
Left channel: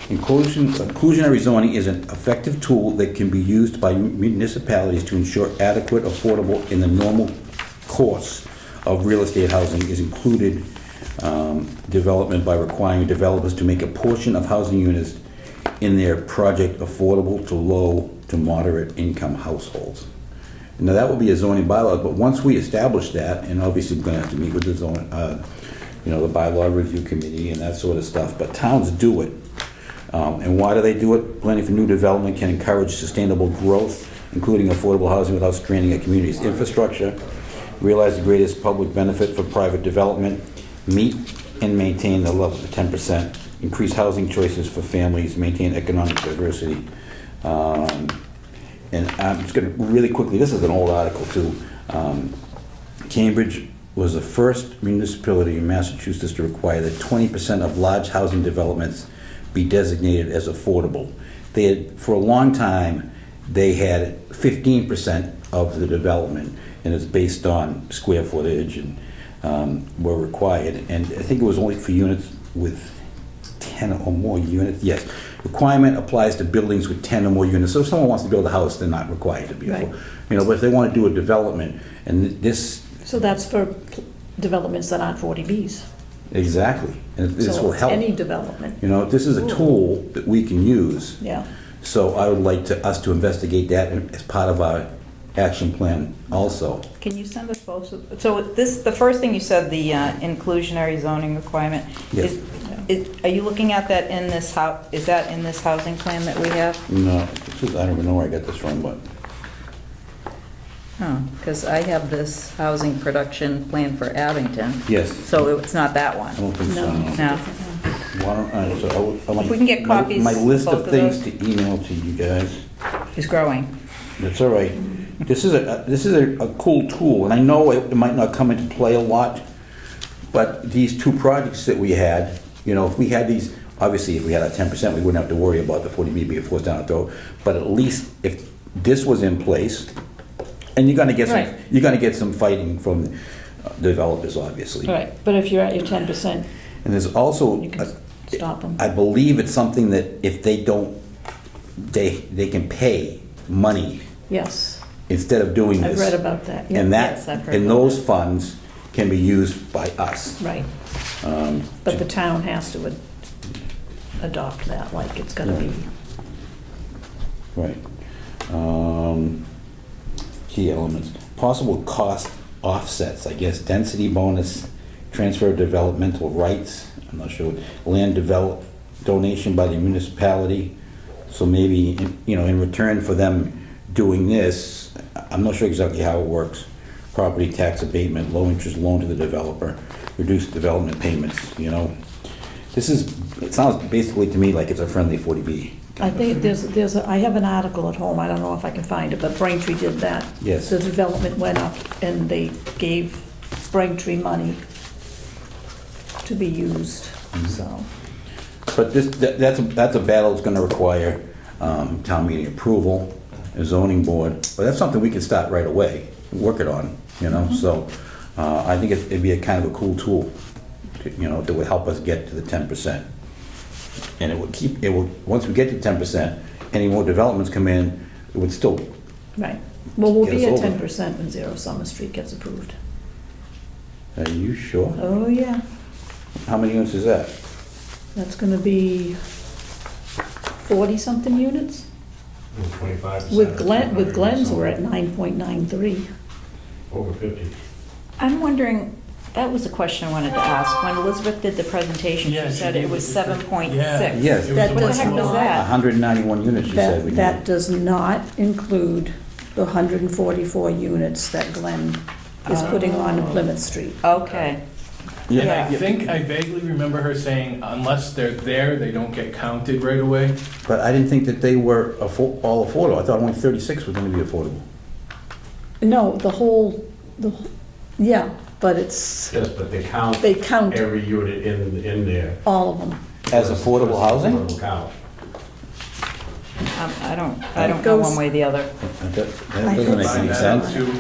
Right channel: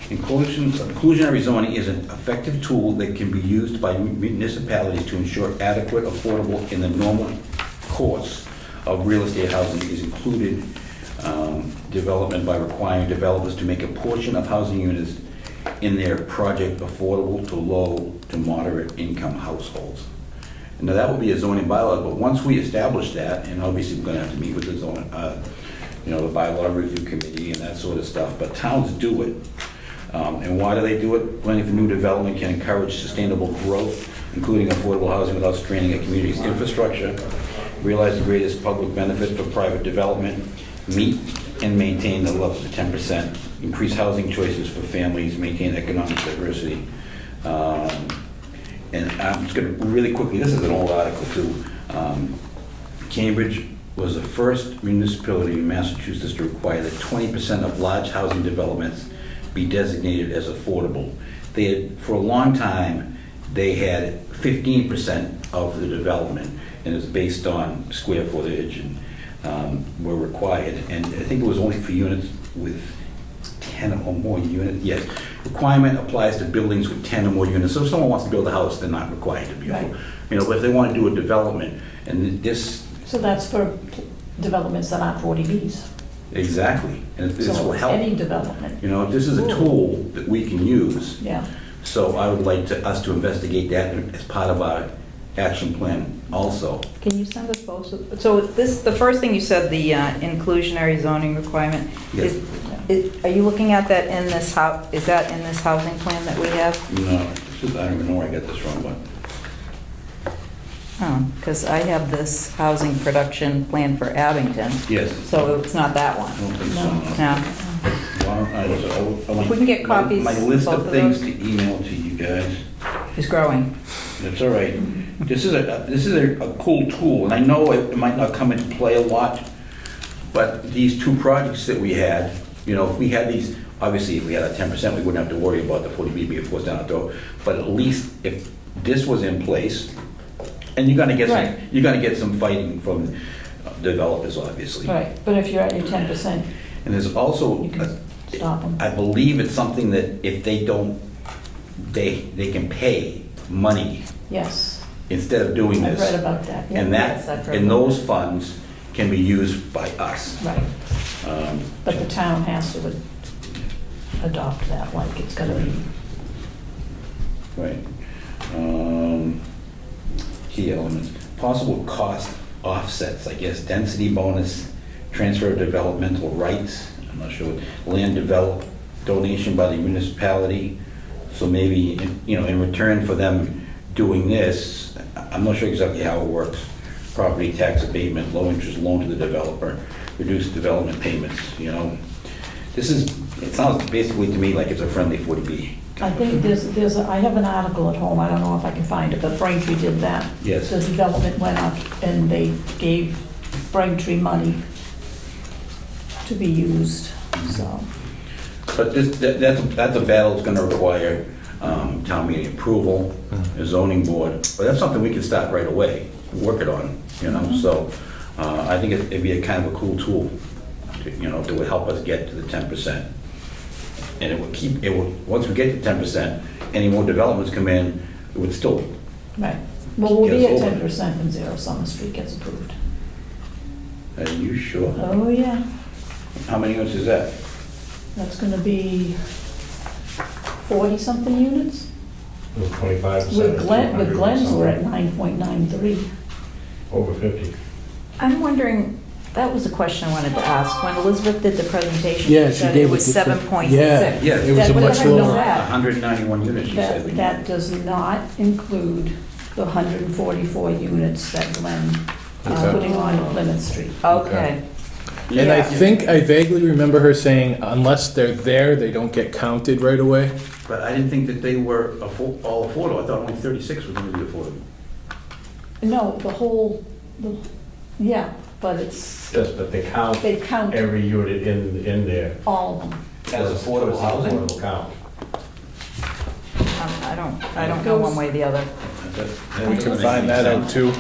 Inclusionary zoning is an effective tool that can be used by municipalities to ensure adequate, affordable, in the normal course of real estate housing is included development by requiring developers to make a portion of housing units in their project affordable to low to moderate income households. Now, that will be a zoning bylaw, but once we establish that, and obviously we're gonna have to meet with the zone, the bylaw review committee and that sort of stuff, but towns do it. And why do they do it? Planning for new development can encourage sustainable growth, including affordable housing without straining a community's infrastructure, realize the greatest public benefit for private development, meet and maintain the level of 10%, increase housing choices for families, maintain economic diversity. And I'm just going to really quickly, this is an old article too. Cambridge was the first municipality in Massachusetts to require that 20% of large housing developments be designated as affordable. They had, for a long time, they had 15% of the development, and it's based on square footage and were required. And I think it was only for units with 10 or more units. Yes, requirement applies to buildings with 10 or more units. So if someone wants to build a house, they're not required to be Right. affordable. You know, but if they want to do a development, and this, So that's for developments that aren't 40Bs. exactly, and this will So it's help. any development, You know, this is a tool that we can use. yeah. So I would like us to investigate that as part of our action plan also. Can you send us both? So this, the first thing you said, the inclusionary zoning requirement, Yes. are you looking at that in this house, is that in this housing plan that we have? No, I don't even know where I got this from, but Oh, because I have this housing production plan for Abington, yes, so it's not that I one. don't think so. No. Why don't I just- If we can get my- copies My list both of of things those. to email to you guys. It's growing. That's all right. This is a cool tool, and I know it might not come into play a lot, but these two projects that we had, you know, if we had these, obviously if we had a 10%, we wouldn't have to worry about the 40B being forced down our throat, but at least if this was in place, and you're gonna get some fighting from developers, obviously. Right, but if you're at your 10%, And there's also, you can stop them. I believe it's something that if they don't, they can pay money Yes, instead of doing I've this. read about that. yeah. And Yes, I've heard and that. those funds can be used by us. Right, but the town has to adopt that, like it's gonna be, Right. Key elements. Possible cost offsets, I guess, density bonus, transfer of developmental rights, I'm not sure, land develop, donation by the municipality. So maybe, you know, in return for them doing this, I'm not sure exactly how it works. Property tax abatement, low interest loan to the developer, reduced development payments, you know. This is, it sounds basically to me like it's a friendly 40B. I think I have an article at home, I don't know if I can find it, but Braintree did that. Yes. The development went up and they gave Braintree money to be used, so. But that's a battle that's gonna require town meeting approval, a zoning board, but that's something we can start right away, work it on, you know, so I think it'd be a kind of a cool tool, you know, that would help us get to the 10%. And once we get to 10%, any more developments come in, it would still, Right, well, we'll Get be us at over. 10% when Zero Summer Street gets approved. are you sure? Oh, yeah, How many units is that? that's gonna be 40-something units? 25%. With Glenn's, we're at 9.93. Over 50. I'm wondering, that was a question I wanted to ask. When Elizabeth did the presentation, Yeah, she she said gave it was it to- 7.6. Yeah, Yeah. it was a That much doesn't lower. know that. 191 units, you said. we That need. does not include the 144 units that Glenn is Okay. putting on in Plymouth Street. Okay. And I Yeah. think, I vaguely remember her saying, unless they're there, they don't get counted right away. But I didn't think that they were all affordable. I thought only 36 was gonna be affordable. No, yeah, but it's, Yes, but they count they count every unit in there. all of them. As affordable housing? Affordable count. I don't know one way or the other. That I doesn't make Find any that out sense. too.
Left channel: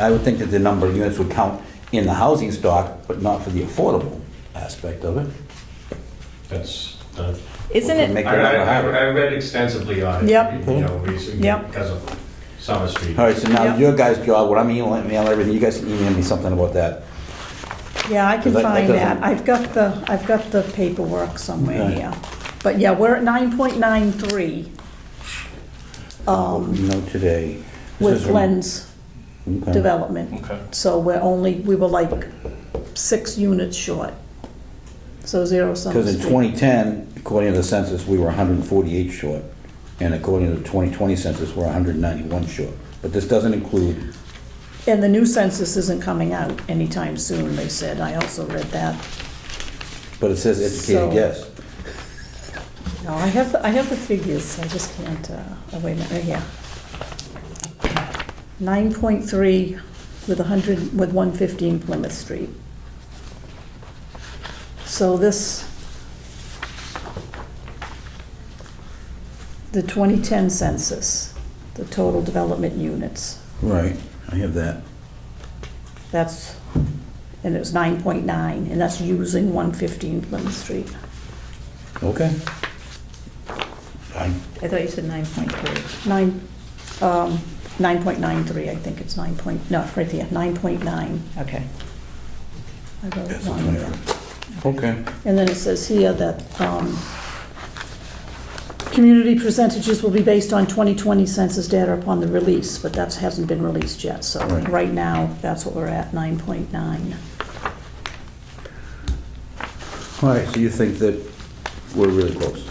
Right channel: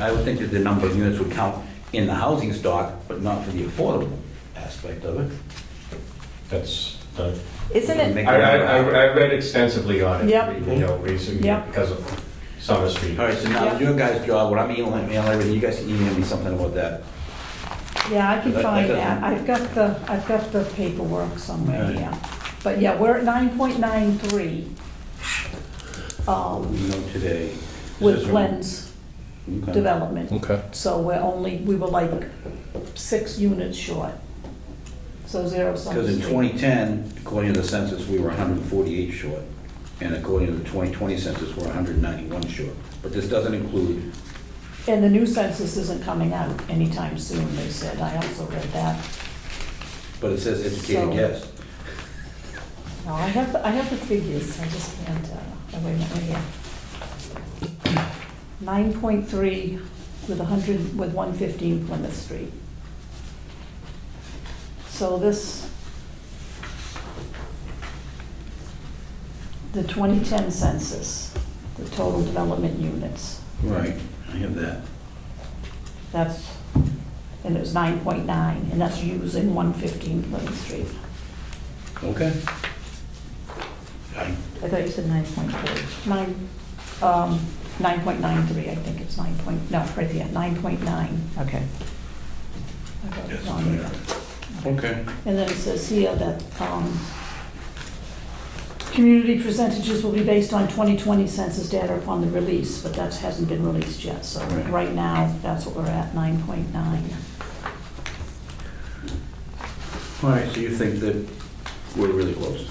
I would think that the number of units would count in the housing stock, but not for the affordable aspect of it. That's, Isn't it, Make- I read extensively on it. Yep. You know, recently, Yep. because of Summer Street. All right, so now Yeah. your guys' job, what I'm emailing everything, you guys can email me something about that. Yeah, I can That find doesn't- that. I've got the paperwork somewhere Okay. here. But yeah, we're at 9.93 You know, today. This with is- Glenn's Okay. development. Okay. So we were like 6 units short. So zero Summer Because in Street. 2010, according to the census, we were 148 short, and according to the 2020 census, we're 191 short. But this doesn't include, And the new census isn't coming out anytime soon, they said. I also read that. but it says educated So- guess. No, I have the figures, I just can't, oh, wait a minute, right here. 9.3 with 115 Plymouth Street. So this, the 2010 census, the total development units, Right, I have that. that's, and it was 9.9, and that's using 115 Plymouth Street. Okay. I thought you said 9.3. 9.93, I think it's 9 point, no, right there, 9.9. Okay. I wrote it That's wrong the there. 20. Okay. And then it says here that community percentages will be based on 2020 census data upon the release, but that hasn't been released yet. So Right. right now, that's what we're at, 9.9. All right, so you think that we're really close?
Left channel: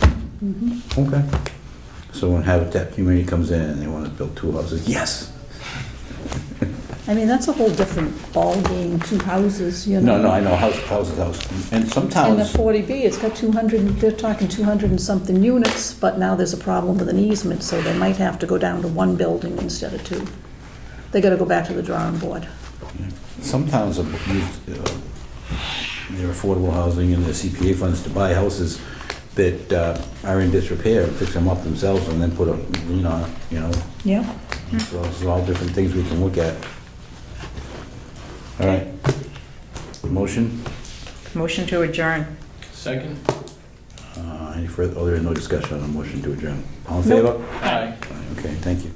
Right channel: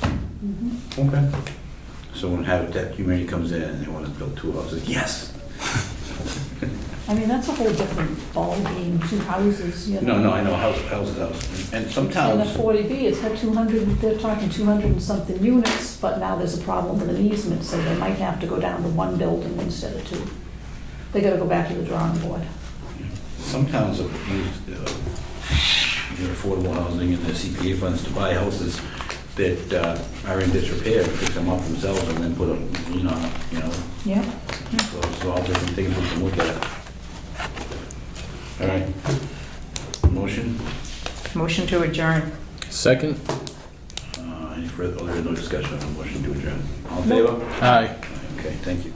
Mhm. Okay. So when Habitat Community comes in and they want to build 2 houses, yes! I mean, that's a whole different ballgame, 2 houses, you know. No, I know, house is house. And some In the towns, 40B, it's got 200, they're talking 200 and something units, but now there's a problem with an easement, so they might have to go down to 1 building instead of 2. They gotta go back to the drawing board. some towns have used their affordable housing and their CPA funds to buy houses that are in disrepair, fix them up themselves and then put a, you know, Yeah. so there's all different things we can look at. All right. Motion? Motion to adjourn. Second? Any further, oh, there is no discussion on motion to adjourn. All in favor? Aye. Okay, thank you.